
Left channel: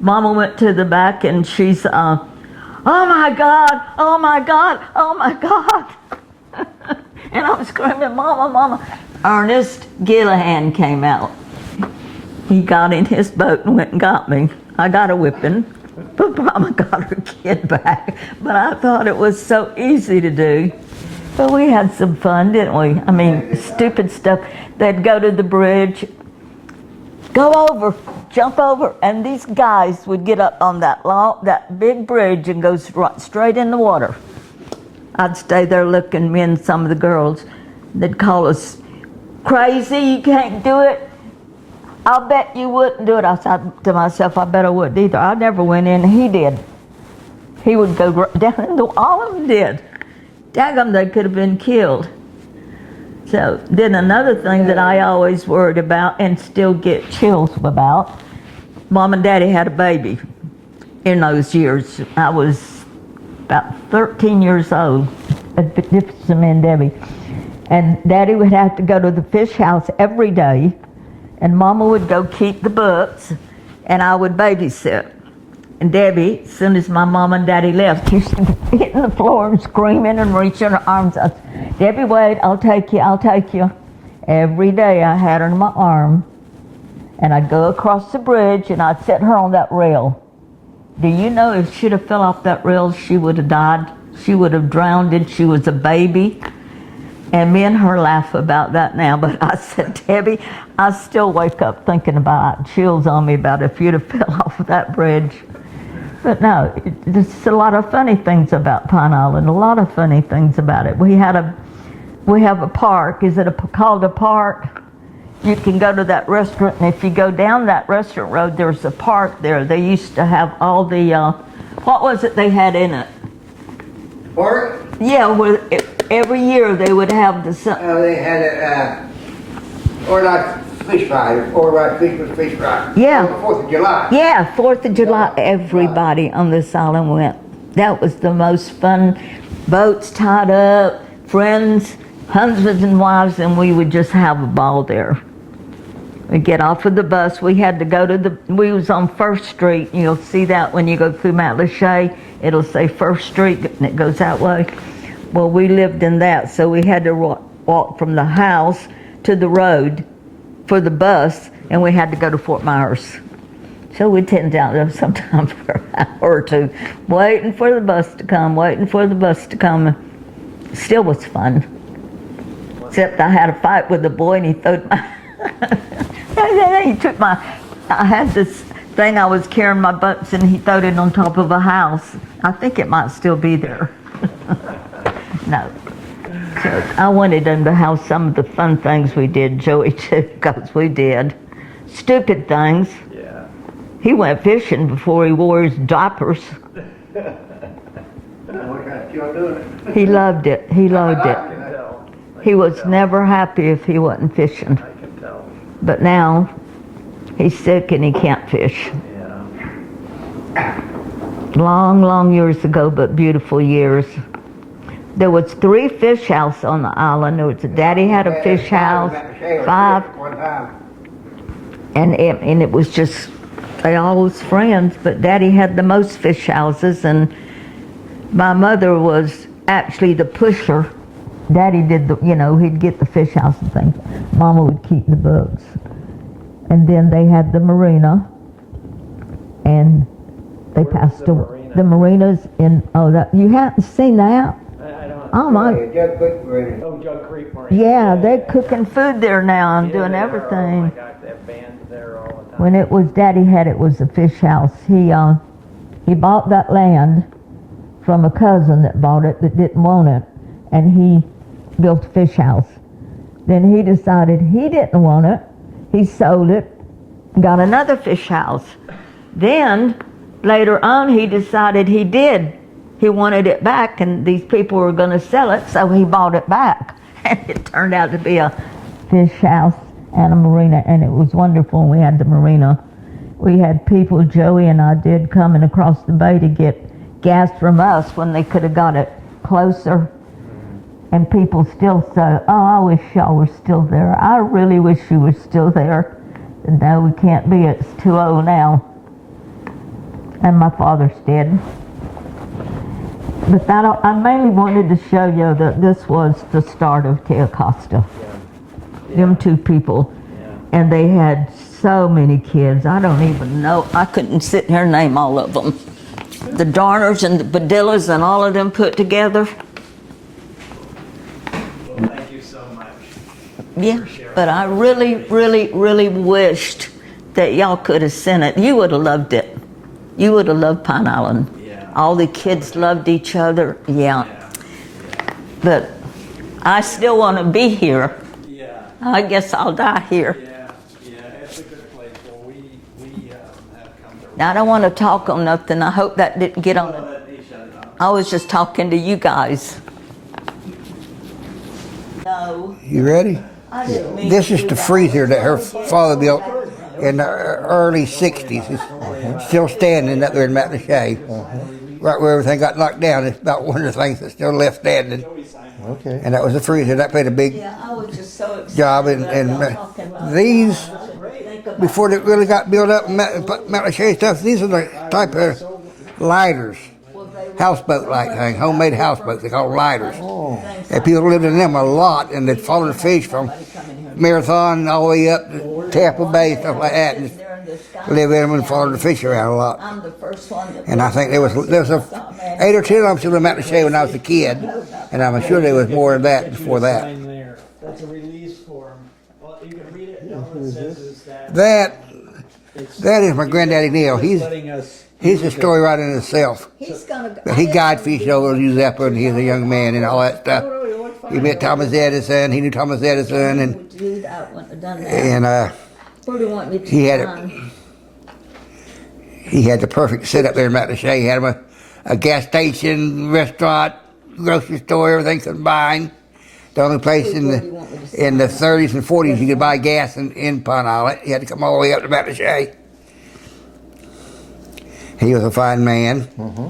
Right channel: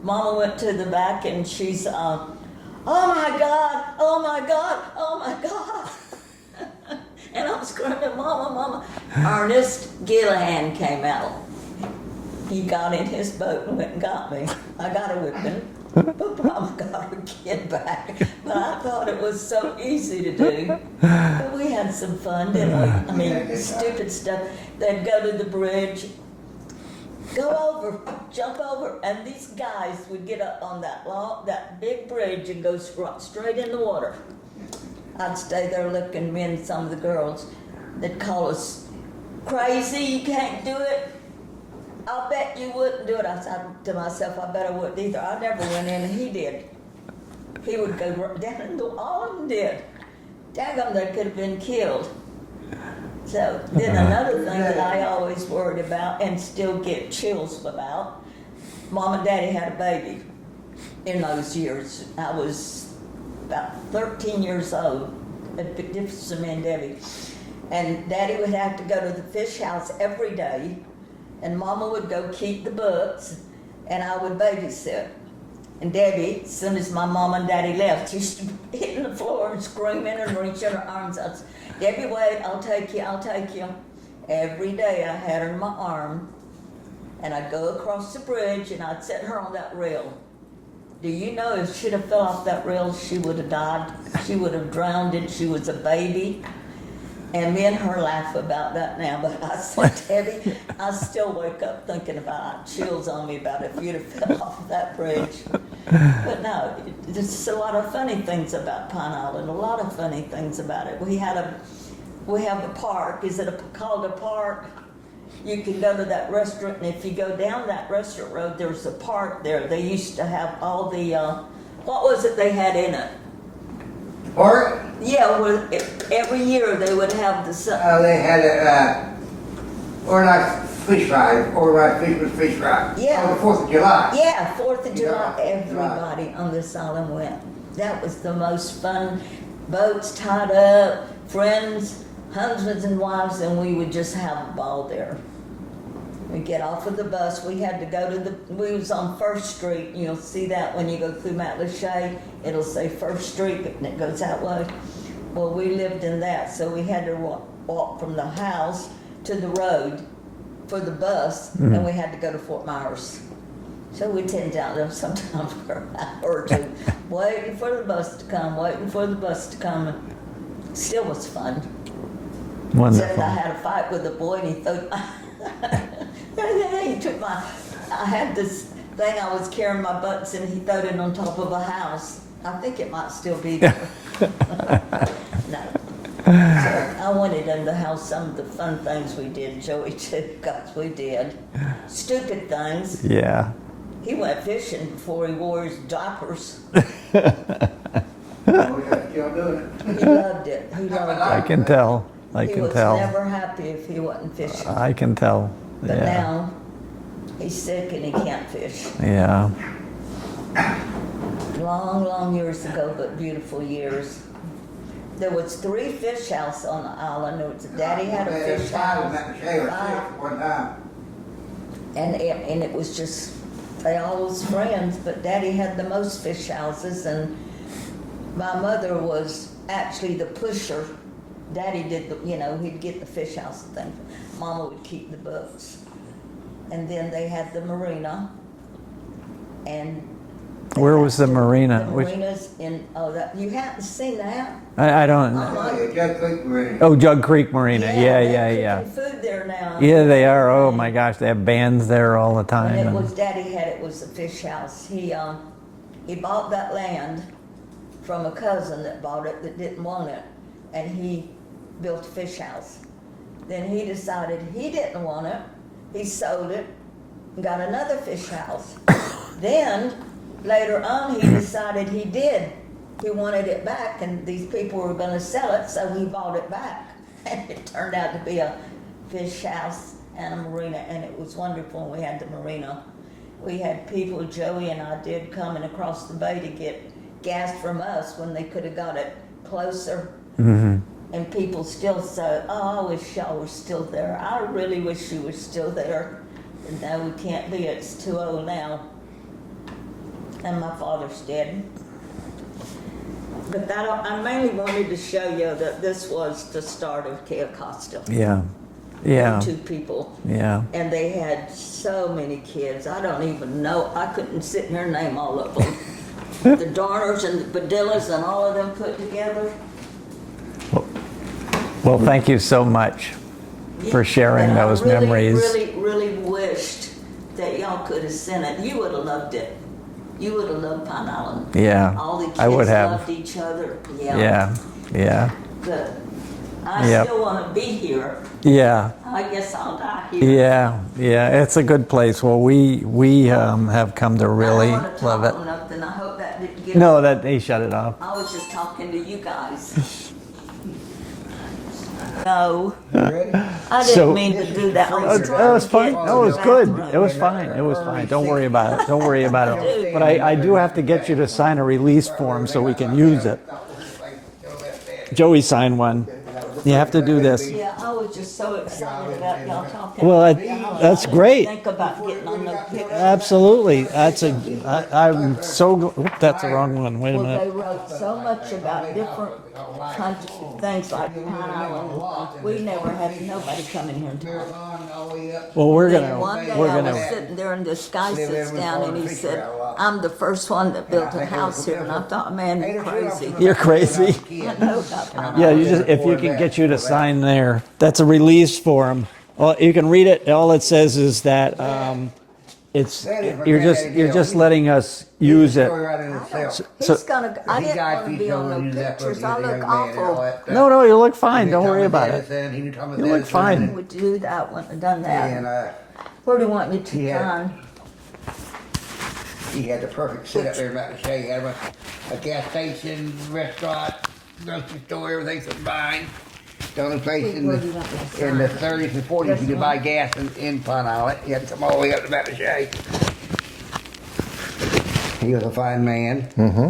Mama went to the back and she's, oh my God, oh my God, oh my God. And I'm screaming, Mama, Mama. Ernest Gillihan came out. He got in his boat and went and got me. I got a whipping, but Mama got her kid back. But I thought it was so easy to do. But we had some fun, didn't we? I mean, stupid stuff. They'd go to the bridge, go over, jump over, and these guys would get up on that big bridge and go straight in the water. I'd stay there looking, me and some of the girls. They'd call us crazy, you can't do it. I'll bet you wouldn't do it. I said to myself, I bet I wouldn't either. I never went in, he did. He would go down in the, all of them did. Daggum, they could have been killed. So then another thing that I always worried about and still get chills about, Mom and Daddy had a baby in those years. I was about 13 years old, difference me and Debbie. And Daddy would have to go to the fish house every day, and Mama would go keep the books, and I would babysit. And Debbie, as soon as my mom and Daddy left, used to be hitting the floor and screaming and reaching her arms out. Debbie, wait, I'll take you, I'll take you. Every day I had her in my arm, and I'd go across the bridge and I'd set her on that rail. Do you know if she'd have fell off that rail, she would have died. She would have drowned and she was a baby. And me and her laugh about that now, but I said, Debbie, I still wake up thinking about chills on me about if you'd have fell off of that bridge. But no, there's a lot of funny things about Pine Island, a lot of funny things about it. We have a park. Is it called a park? You can go to that restaurant, and if you go down that restaurant road, there's a park there. They used to have all the, what was it they had in it? Park? Yeah, well, every year they would have the. They had a organized fish fry, organized fish fry. Yeah. On the 4th of July. Yeah, 4th of July, everybody on this island went. That was the most fun. Boats tied up, friends, husbands and wives, and we would just have a ball there. We'd get off of the bus. We had to go to we was on 1st Street. You'll see that when you go through Matlacha. It'll say 1st Street, and it goes that way. Well, we lived in that, so we had to walk from the house to the road for the bus, and we had to go to Fort Myers. So we'd tend down there sometimes for an hour or two, waiting for the bus to come, waiting for the bus to come. Still was fun. Wonderful. Except I had a fight with a boy, and he threw he took I had this thing I was carrying my butts, and he threw it on top of a house. I think it might still be there. No. So I wanted him to have some of the fun things we did, Joey, too, because we did. Stupid things. Yeah. He went fishing before he wore his diapers. He loved it. He loved I it. can tell. He was never happy if he wasn't fishing. I can tell. But Yeah. now he's sick and he can't fish. Yeah. long, long years ago, but beautiful years. There was 3 fish houses on the island. There was Daddy had a fish house, 5, and it was just, they all was friends, but Daddy had the most fish houses, and my mother was actually the pusher. Daddy did the, he'd get the fish house and things. Mama would keep the books. And then they had the marina, and Where was the marina? The marina's in, you haven't seen that? I don't. Oh my. Jug Creek Marina. Oh, Jug Creek Marina. Yeah, they're cooking food there now and Yeah, doing they everything. are. Oh my gosh, they have bands there all the time. When it was Daddy had it was a fish house. He bought that land from a cousin that bought it that didn't want it, and he built a fish house. Then he decided he didn't want it. He sold it, got another fish house. Then later on he decided he wanted it back, and these people were going to sell it, so he bought it back. And it turned out to be a fish house and a marina, and it was wonderful. We had the marina. We had people, Joey and I did, coming across the bay to get gas from us when they could have got it closer. Mm-hmm. And people still say, oh, I wish y'all were still there. I really wish you were still there. And no, we can't be. It's too old now. And my father's dead. But I mainly wanted to show you that this was the start of Cayo Costa. Yeah. Them 2 people. Yeah. And they had so many kids. I don't even know. I couldn't sit here and name all of them. The Darners and the Padillas and all of them put together. Well, thank you so much for sharing those But I really, memories. really, really wished that y'all could have seen it. You would have loved it. You would have loved Pine Island. Yeah, All the I would kids have. loved each other. Yeah. Yeah. But I still want to be here. Yeah. I guess I'll die here. Yeah. It's a good place. Well, we have come to really. I don't want to talk love it. on nothing. I hope that didn't get on. No, that they shut it off. I was just talking to you guys. No, You ready? I didn't So, mean This to is do the that. freezer that her father built Good. It was in the fine. It was early fine. Don't worry 60s. about it. Don't worry about it. Still standing I up there do in have to Mountain get you Shade. to sign a release Right where form so everything we got can knocked use down, it. it's about one of the things that's still left standing. Joey signed one. And that was the You have freezer to that do made a this. big Yeah, I was just so excited. job. And about talking Well, about these- that's great. Think about before it really got built up, Absolutely. Mountain Shade stuff, these are the type I'm of so that's the lighters. wrong one. Wait a Well, minute. they were houseboat-like so much thing, about homemade different houseboats, they're called lighters. things And like people lived in that. them a lot, and We they'd follow never the had fish from nobody come in here. Marathon all the way up Well, we're to gonna- Tampa Bay, One stuff day like I that. was sitting there in the sky Live in them sits and down follow the he fish said, around a lot. I'm the first one that And I built think the there was house there was here. a I thought, man, 8 or 10 of them you're still in Mountain Shade when I was a kid, and I'm sure there was if more we than can that get you to before that. sign there. That's a release form. Well, you can read it. All it says is that That- it's that is my you're granddaddy just, you're deal. just He's- letting us He's a use it. story right in itself. He's gonna, But he guide fish over New Zeppelin, and he was a young man and all that stuff. No, you look fine. He Don't met worry Thomas about it. Edison, he knew Thomas You look Edison, fine. and, would do that, I wouldn't have done that. and Where do you want me to he had it. sign? he had the perfect setup there in Mountain Shade. He had him a gas station, restaurant, grocery store, everything combined. The only place in the 30s and 40s you could buy gas in Pine Island. You had to come all the way up to Mountain Shade. He was a fine man. Mm-hmm.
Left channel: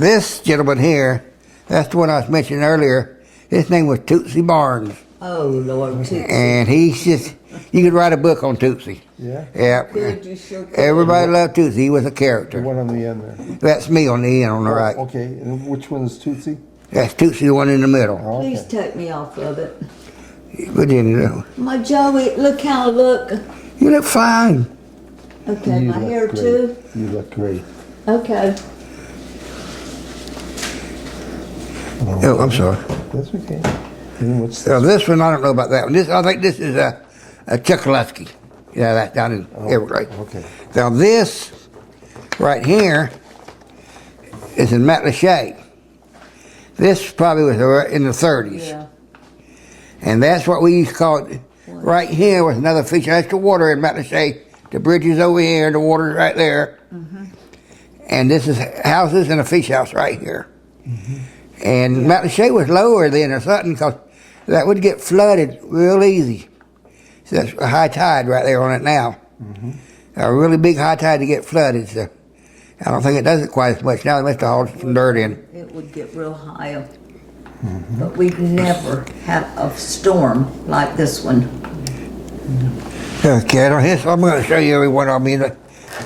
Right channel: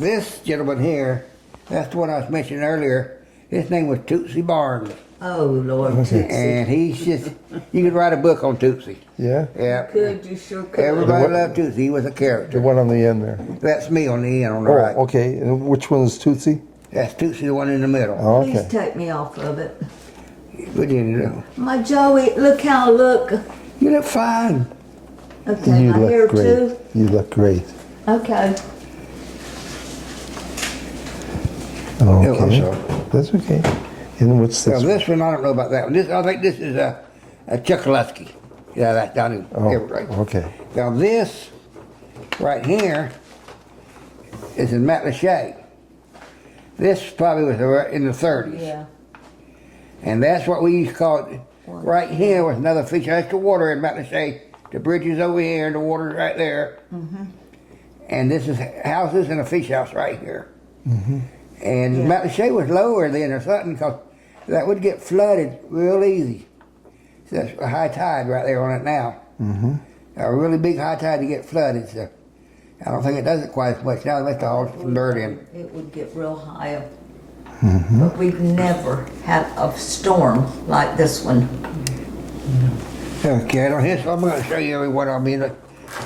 This gentleman here, that's the one I was mentioning earlier. His name was Tootsie Barnes. Oh, Lord, Tootsie. And he's just, you could write a book on Tootsie. Yeah? Yeah. Good, you sure could. Everybody loved Tootsie. He was a The character. one on the end there. That's me on the end on the right. Oh, okay. And which one is Tootsie? That's Tootsie, the one in the middle. Oh, Please okay. take me off of it. Virginia, My Joey, look how I look. you look fine. Okay, You my look hair great. too. You look great. Okay. Oh, I'm sorry. That's okay. And what's Now this? this one, I don't know about that one. This, I think this is a Chuckalewski. Yeah, that's down in Everglades. Okay. Now this right here is in Matlacha. This probably was in the 30s. Yeah. And that's what we used to call it. Right here was another fish. That's the water in Matlacha. The bridge is over here, the water's right there. Mm-hmm. And this is houses and a fish house right here. Mm-hmm. And Matlacha was lower then or something because that would get flooded real easy. So that's a high tide right there on it now. Mm-hmm. A really big high tide to get flooded. So I don't think it does it quite as much now. They must have hauled some dirt in. It would get real high. But we've never had a storm like this one. Okay, I'm going to show you every one. I mean, I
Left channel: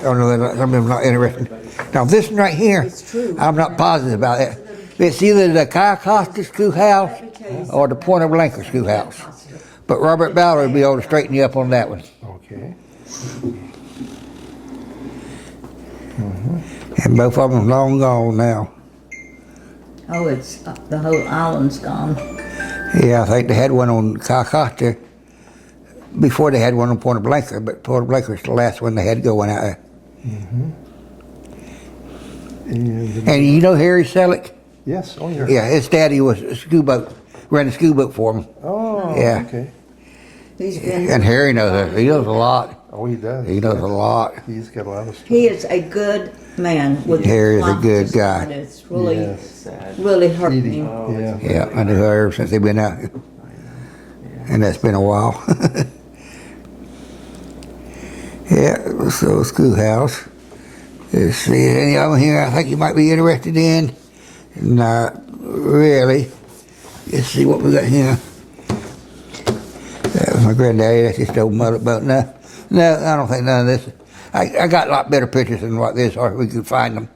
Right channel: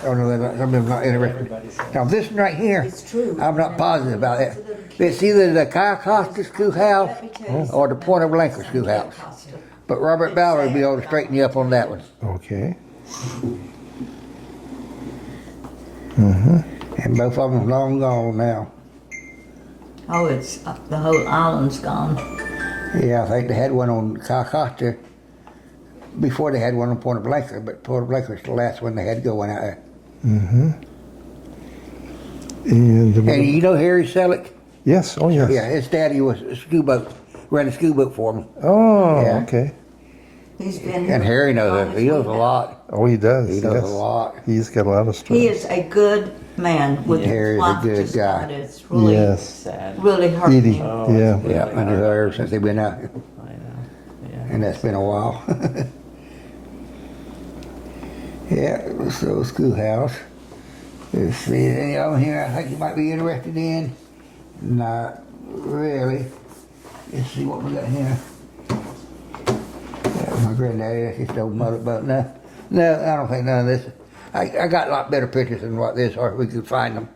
don't know that some of them not interested. Now this one right here, I'm not positive about it. It's either the Cayo Costa schoolhouse or the Point of Blanca schoolhouse. But Robert Ballard will be able to straighten you up on that one. Okay. And both of them long gone now. Oh, it's the whole island's gone. Yeah, I think they had one on Cayo Costa before they had one on Point of Blanca, but Point of Blanca was the last one they had going out there. And you know Harry Selleck? Yes. Oh, yes. Yeah, his daddy was a school boat, ran a school boat for him. Oh, Yeah. okay. He's been. And Harry knows it. He knows a lot. Oh, he does. He knows yes. a lot. He's got a lot of stuff. He is a good man. With Harry's a life good just guy. kinda- It's really, Yes. really hurting Edie. him. Yeah. Yeah, I knew her ever since they've been out here. And that's been a while. Yeah, so schoolhouse. Let's see, any of them here I think you might be interested in? Not really. Let's see what we got here. That was my granddaddy, that's just old mother boat. No, I don't think none of this. I got a lot better pictures than what this, or we could find them.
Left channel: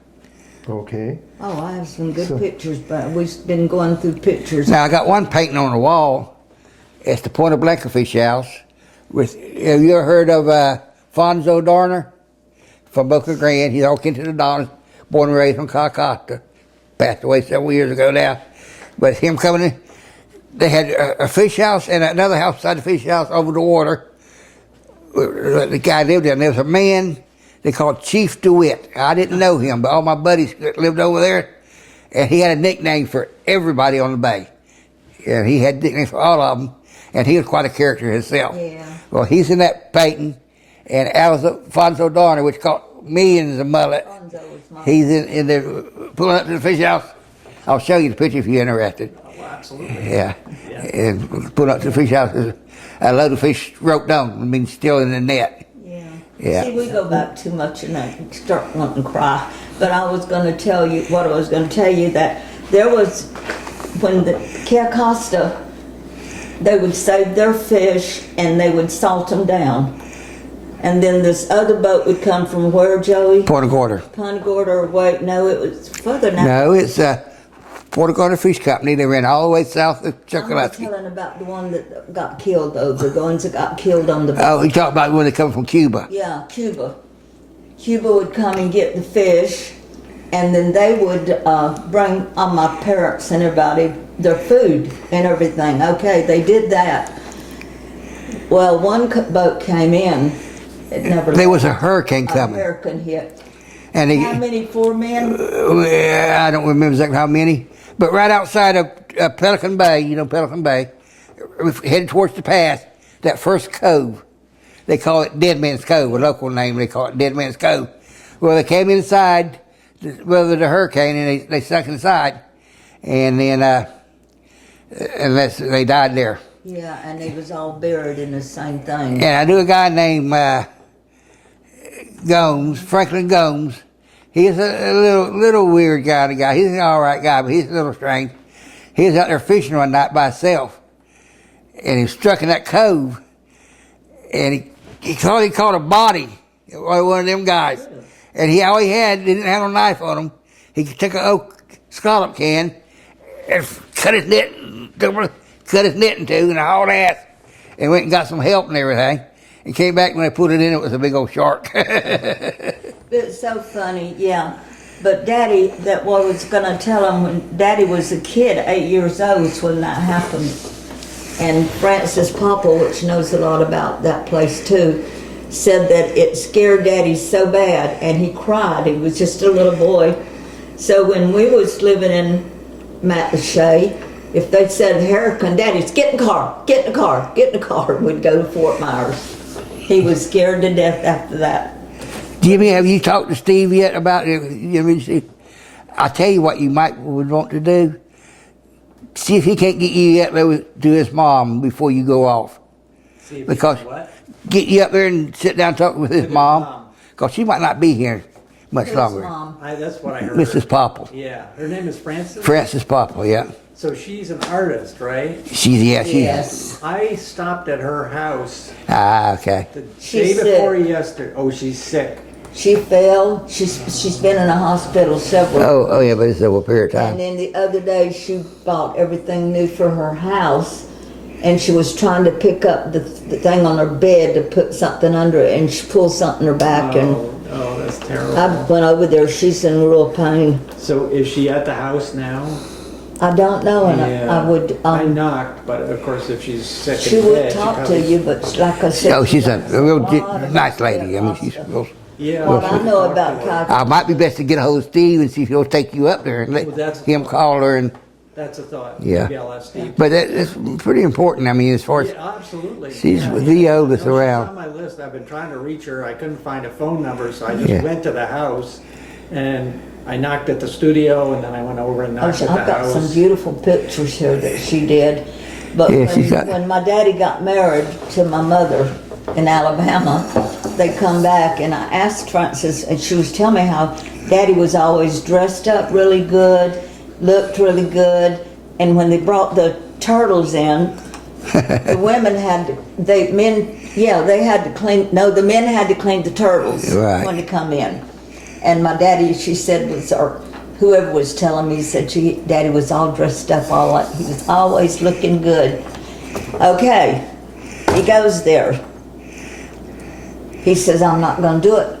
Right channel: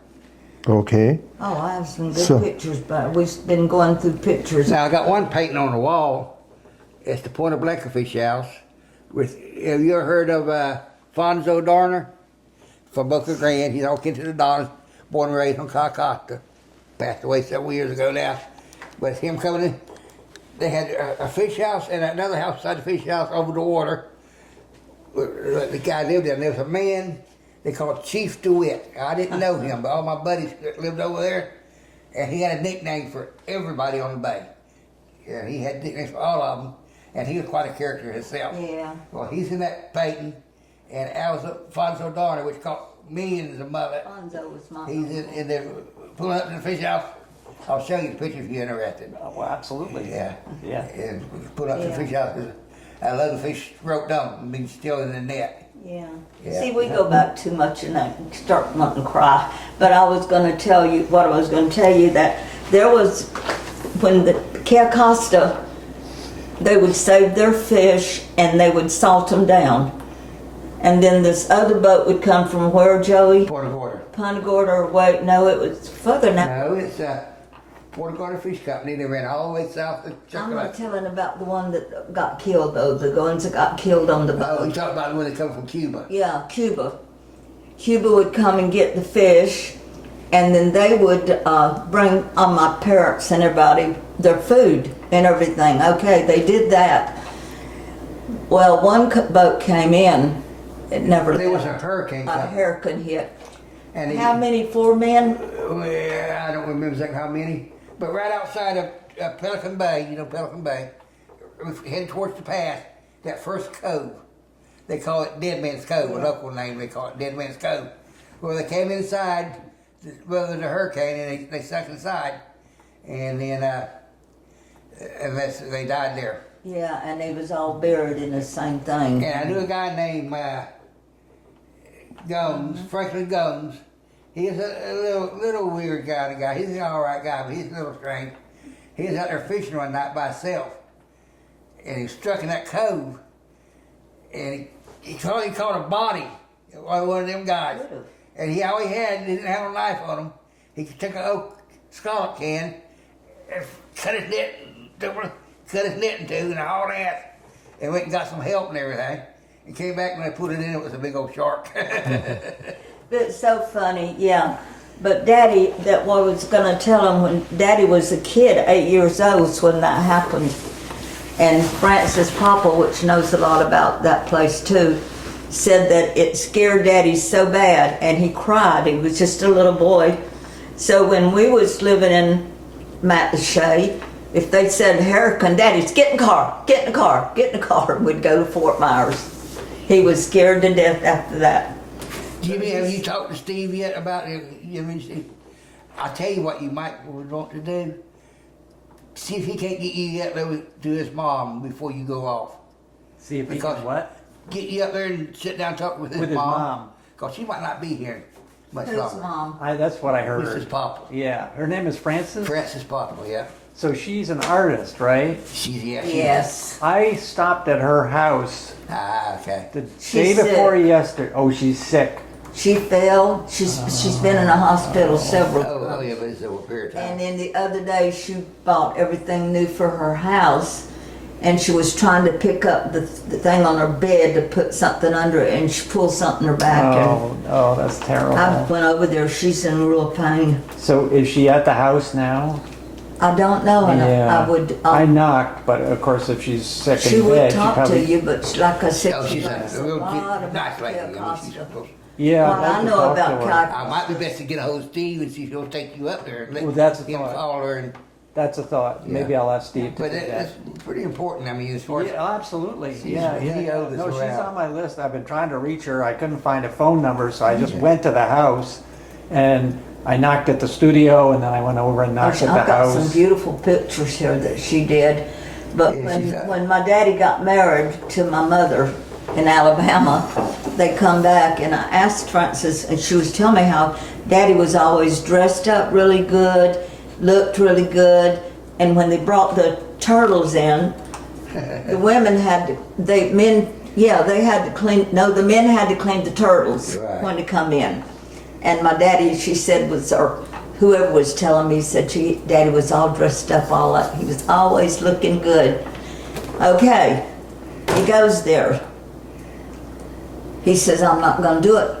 Okay. Oh, I have some good So- pictures, but we've been going through pictures. Now I got one painting on the wall. It's the Point of Blanca fish house. Have you ever heard of Fonzo Darner from Boca Grande? He's all kin to the Donners, born and raised on Cayo Costa. Passed away several years ago now. But him coming in, they had a fish house and another house beside the fish house over the water. The guy lived there. And there was a man they called Chief DeWitt. I didn't know him, but all my buddies that lived over there, and he had a nickname for everybody on the bay. And he had nicknames for all of them, and he was quite a character himself. Yeah. Well, he's in that painting, and Alfonso Darner, which caught millions of mullet. Fonzo was my- He's in there pulling up to the fish house. I'll show you the picture if you're interested. Oh, well, absolutely. Yeah. And pulling up to the fish house, there's a load of fish roped on. I mean, still in the net. Yeah. Yeah. See, we go back too much and I start wanting to cry. But I was going to tell you, what I was going to tell you, that there was, when the Cayo Costa, they would save their fish and they would salt them down. And then this other boat would come from where, Joey? Point of Gorda. Punta Gorda, or wait, no, it was further now. No, it's Point of Gorda Fish Company. They ran all the way south of I'm Chocolate's. telling about the one that got killed, though, the ones that got killed on the boat. Oh, you talk about when they come from Cuba. Yeah, Cuba. Cuba would come and get the fish, and then they would bring my parents and everybody their food and everything. Okay, they did that. Well, one boat came in. It never. There was a hurricane a coming. hurricane hit. And they, How many? 4 men? I don't remember exactly how many, but right outside of Pelican Bay, you know Pelican Bay, headed towards the pass, that first cove, they call it Dead Man's Cove, a local name, they call it Dead Man's Cove. Well, they came inside, the hurricane, and they stuck inside, and then they died there. Yeah, and they was all buried in the same thing. And I knew a guy named Gomes, Franklin Gomes. He's a little weird guy. He's an all right guy, but he's a little strange. He was out there fishing one night by himself, and he was struck in that cove, and he caught a body, one of them guys. And all he didn't have a knife on him. He took an oak scallop can and cut his net in two and hauled ass, and went and got some help and everything. And came back, when they put it in, it was a big old shark. It's so funny, yeah. But Daddy, that what I was going to tell him, when Daddy was a kid, 8 years old, when that happened. And Francis Papa, which knows a lot about that place too, said that it scared Daddy so bad, and he cried. He was just a little boy. So when we was living in Matlacha, if they said hurricane, Daddy's get in the car, get in the car, get in the car, and we'd go to Fort Myers. He was scared to death after that. Jimmy, have you talked to Steve yet about it? I'll tell you what you would want to do. See if he can't get you up there to his mom before you go off. See if Because what? get you up there and sit down and talk with his mom. Because she might not be here. much Who's longer. Mom? That's what I heard. Mrs. Popple. Yeah, her name is Frances? Frances Popple, yeah. So she's an artist, right? She's. Yes. I stopped at her house Ah, okay. the She's day before sick. yesterday. Oh, she's sick. She fell. She's been in a hospital several. Oh, yeah, but it's over a period of And time. then the other day she bought everything new for her house, and she was trying to pick up the thing on her bed to put something under it, and she pulled something in her back. Oh, that's And terrible. I went over there. She's in real pain. So is she at the house now? I don't know, and Yeah. I would. I knocked, but of course, if she's sick She in would bed, talk probably, to you, but like I said, Oh, she's a real lot of nice lady. I mean, she's real. Yeah. What I she know talked about to her. Cayo, Might be best to get a hold of Steve and see if he'll take you up there and let Well, that's a him thought. call her. And That's a thought. Yeah. Maybe I'll ask Steve. but that's pretty important. I mean, as far as Yeah, absolutely. She's yeah, the yeah. oldest No, around. She's on my list. I've been trying to reach her. I couldn't find a phone number, so I just Yeah. went to the house and I knocked at the studio, and then I went over and knocked at I've the got house. some beautiful pictures here that she did. But Yeah, she's got- when my daddy got married to my mother in Alabama, they come back and I asked Frances, and she was telling me how daddy was always dressed up really good, looked really good, and when they brought the turtles in, the women had to, they had to clean, no, the men had to clean the turtles Right. when they come in. And my daddy, she said, or whoever was telling me, said daddy was all dressed up, he was always looking good. Okay, he goes there. He says, I'm not gonna do it.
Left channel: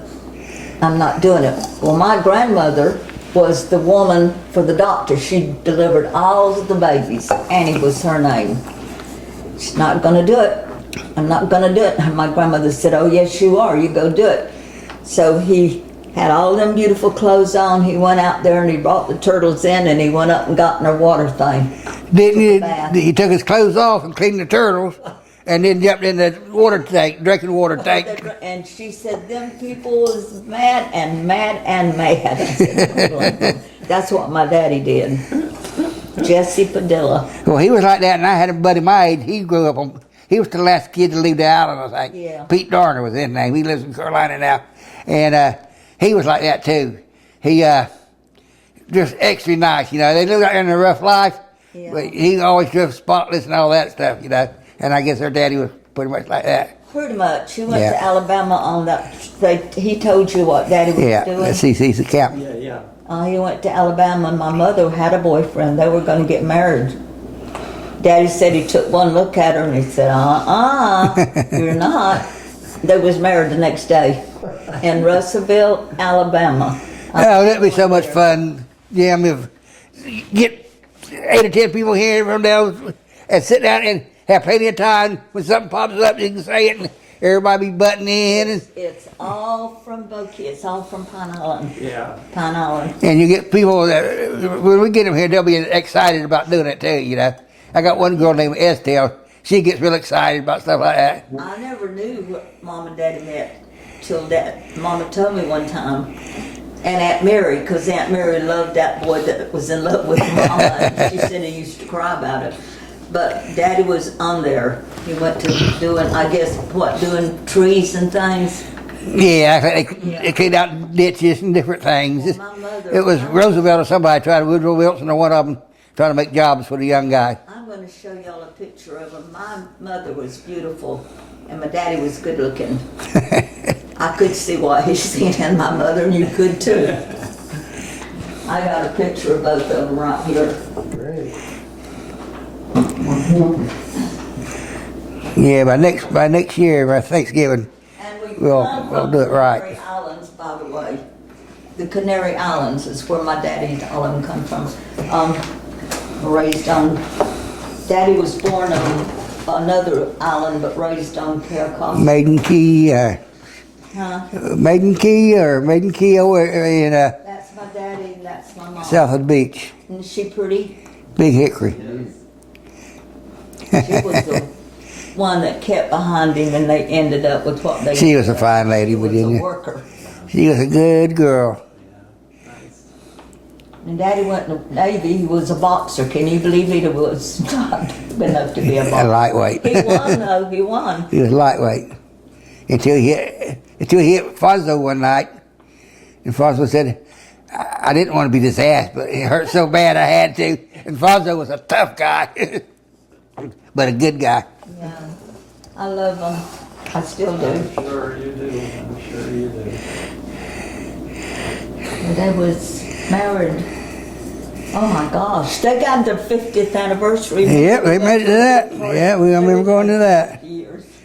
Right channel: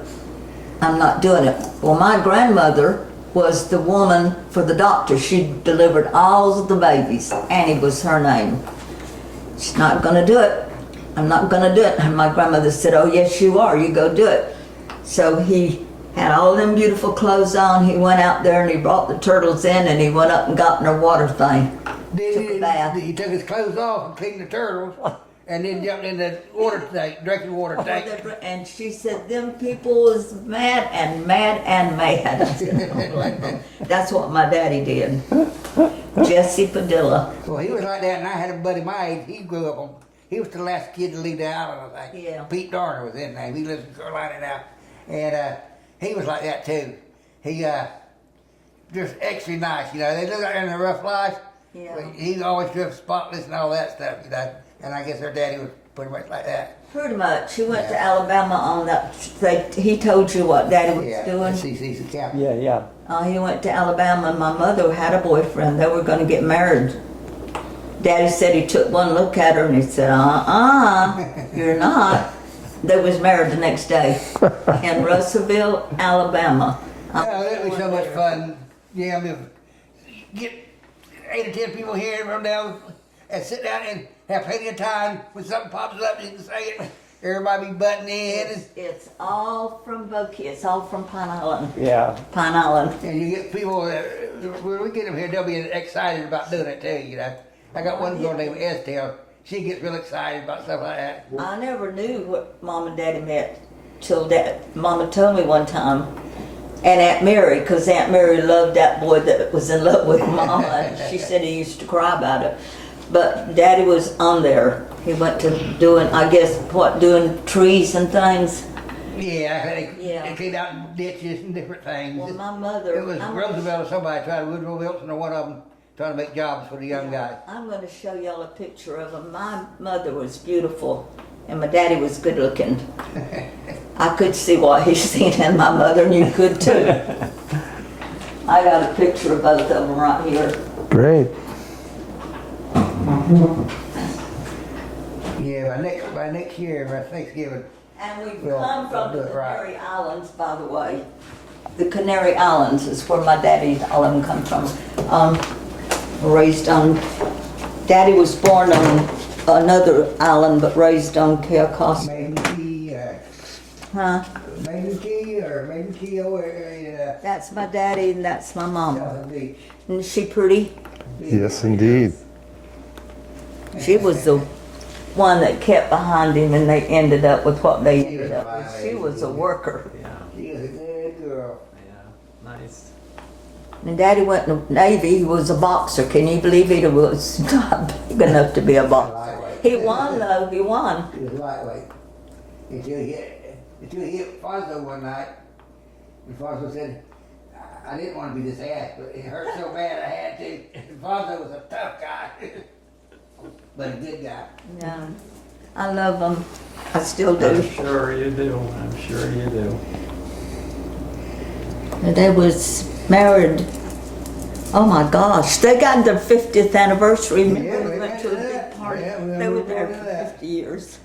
I'm not doing it. Well, my grandmother was the woman for the doctor. She delivered all of the babies. Annie was her name. She's not gonna do it. I'm not gonna do it. And my grandmother said, oh yes you are, you go do it. So he had all them beautiful clothes on. He went out there and he brought the turtles in and he went up and got in her water thing. didn't bath. he took his clothes off and cleaned the turtles, and then jumped in the water tank, drinking water tank. And she said, them people was mad and mad and mad. I said, that's what my daddy did. Jesse Padilla. Well, he was like that, and I had a buddy my age. He grew up on. He was the last kid to leave the island, I think. Yeah. Pete Darner was his name. He lives in Carolina now, and he was like that too. He just extra nice, you know. They live out there in a rough life, Yeah. but he always dressed spotless and all that stuff, you know. And I guess her daddy was pretty much like that. Pretty much. He went Yeah. to Alabama on that. He told you what daddy was Yeah, doing. he's the captain. Yeah, yeah. He went to Alabama and my mother had a boyfriend. They were going to get married. Daddy said he took one look at her and he said, you're not. They was married the next day in Russellville, Alabama. Oh, that'd be so much fun. Yeah, I mean, get 8 or 10 people here from down and sit down and have plenty of time. When something pops up, you can say it and everybody be butting in. It's all from Bokie. It's all from Pine Island. Yeah. Pine Island. And you get people, when we get them here, they'll be excited about doing it too, you know. I got one girl named Estelle. She gets real excited about stuff like that. I never knew what Mom and Daddy met till Mama told me one time. And Aunt Mary, because Aunt Mary loved that boy that was in love with Mama. And she said he used to cry about it. But Daddy was on there. He went to doing, I guess, doing trees and things. Yeah, I think they cleaned out ditches and different things. Well, my mother- It was Roosevelt or somebody trying to, Woodrow Wilson or one of them, trying to make jobs for the young guy. I'm going to show y'all a picture of him. My mother was beautiful, and my daddy was good looking. I could see what he's seen in my mother, and you could too. I got a picture of both of them right here. Great. Yeah, by next year, by Thanksgiving, And we We'll come from do the it right. Canary Islands, by the way. The Canary Islands is where my daddy, all of them come from. Raised on, Daddy was born on another island, but raised on Cayo Costa. Maiden Key, Maiden Key over in That's my daddy and that's my mom. south of the beach. Isn't she pretty? Big Yes, Hickory. indeed. She was the one that kept behind him and they ended up with what they She was a fine lady, She was a Virginia. worker. She was a good girl. Nice. And Daddy went in the Navy, he was a boxer. Can you believe it? He was not big enough to be a A boxer. lightweight. He won though, he won. He was lightweight until he hit Fonzo one night, And Fonzo said, I didn't want to be this ass, but it hurt so bad I had to. And Fonzo was a tough guy, but a good guy. Yeah. I love them. I still do. I'm sure you do. I'm sure you do. They was married. Oh my gosh, they got their 50th anniversary. Yeah, they made it to that. Yeah, we remember going to that. Years.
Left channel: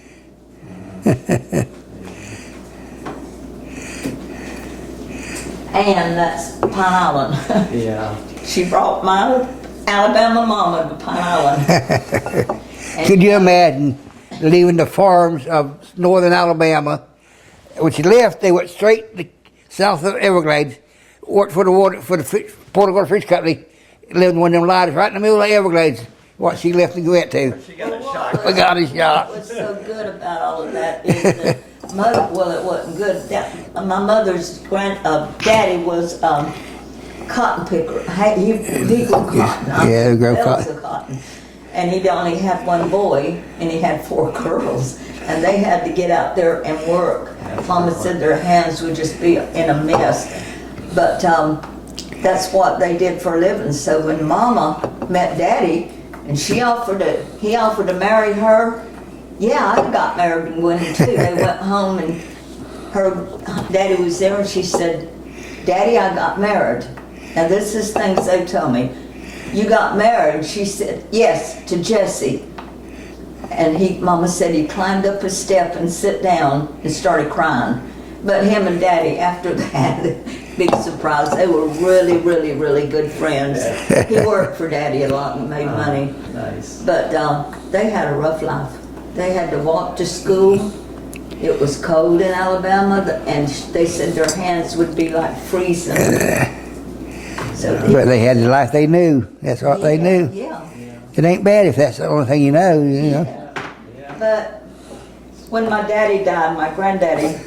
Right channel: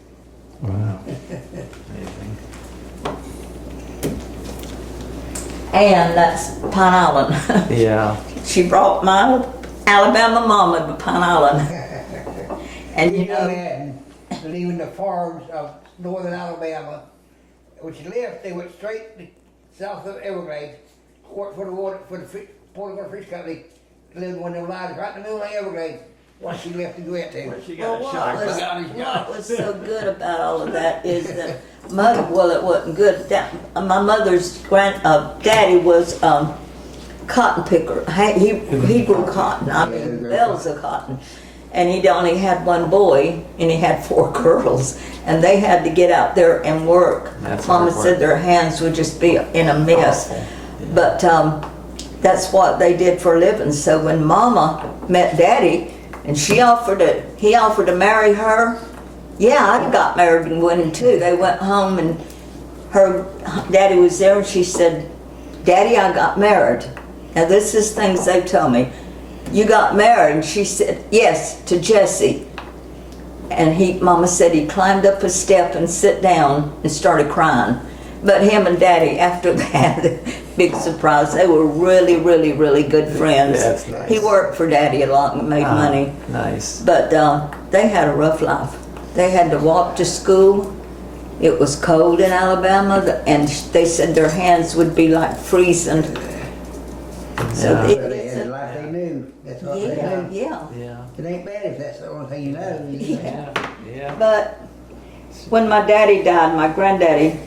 And that's Pine Island. Yeah. She brought my Alabama mama to Pine Island. And Could you imagine leaving the farms of northern Alabama? When she left, they went straight to south of Everglades, worked for the Port Augusta Fish Company, lived in one of them lodges right in the middle of Everglades. What she left to go out to. She got a shot. We got a shot. What was so good about all of that is that mother, well, it wasn't good. My mother's daddy was cotton picker. He grew cotton. Yeah, he grew Bales cotton. of cotton. And he'd only had one boy, and he had 4 girls. And they had to get out there and work. Mama said their hands would just be in a mess. But that's what they did for a living. So when Mama met Daddy, and he offered to marry her. Yeah, I got married in Winnie too. They went home and her daddy was there and she said, Daddy, I got married. Now this is things they told me. You got married? And she said, yes, to Jesse. And Mama said he climbed up a step and sat down and started crying. But him and Daddy, after that, big surprise, they were really, really, really good friends. He worked for Daddy a lot and made money. Nice. But they had a rough life. They had to walk to school. It was cold in Alabama, and they said their hands would be like freezing. So But they had the life they knew. That's what they knew. Yeah. It ain't bad if that's the only thing you know. You know. Yeah. But when my daddy died, my granddaddy,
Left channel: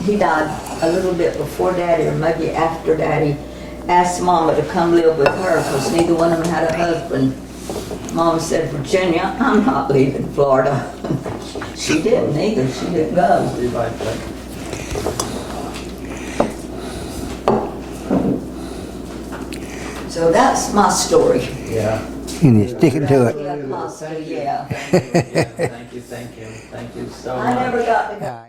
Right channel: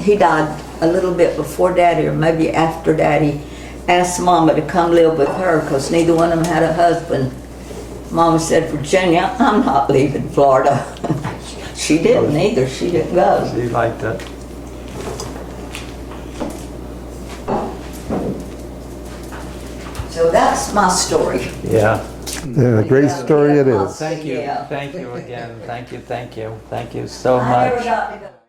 he died a little bit before Daddy, or maybe after Daddy, asked Mama to come live with her because neither one of them had a husband. Mama said, Virginia, I'm not leaving Florida. She didn't either. She didn't go. Be like that. So that's my story. Yeah. Yeah, Stick great to it. story it My is. Thank you. Yeah. Thank you again. Thank you. Thank you. Thank you so I never much. got to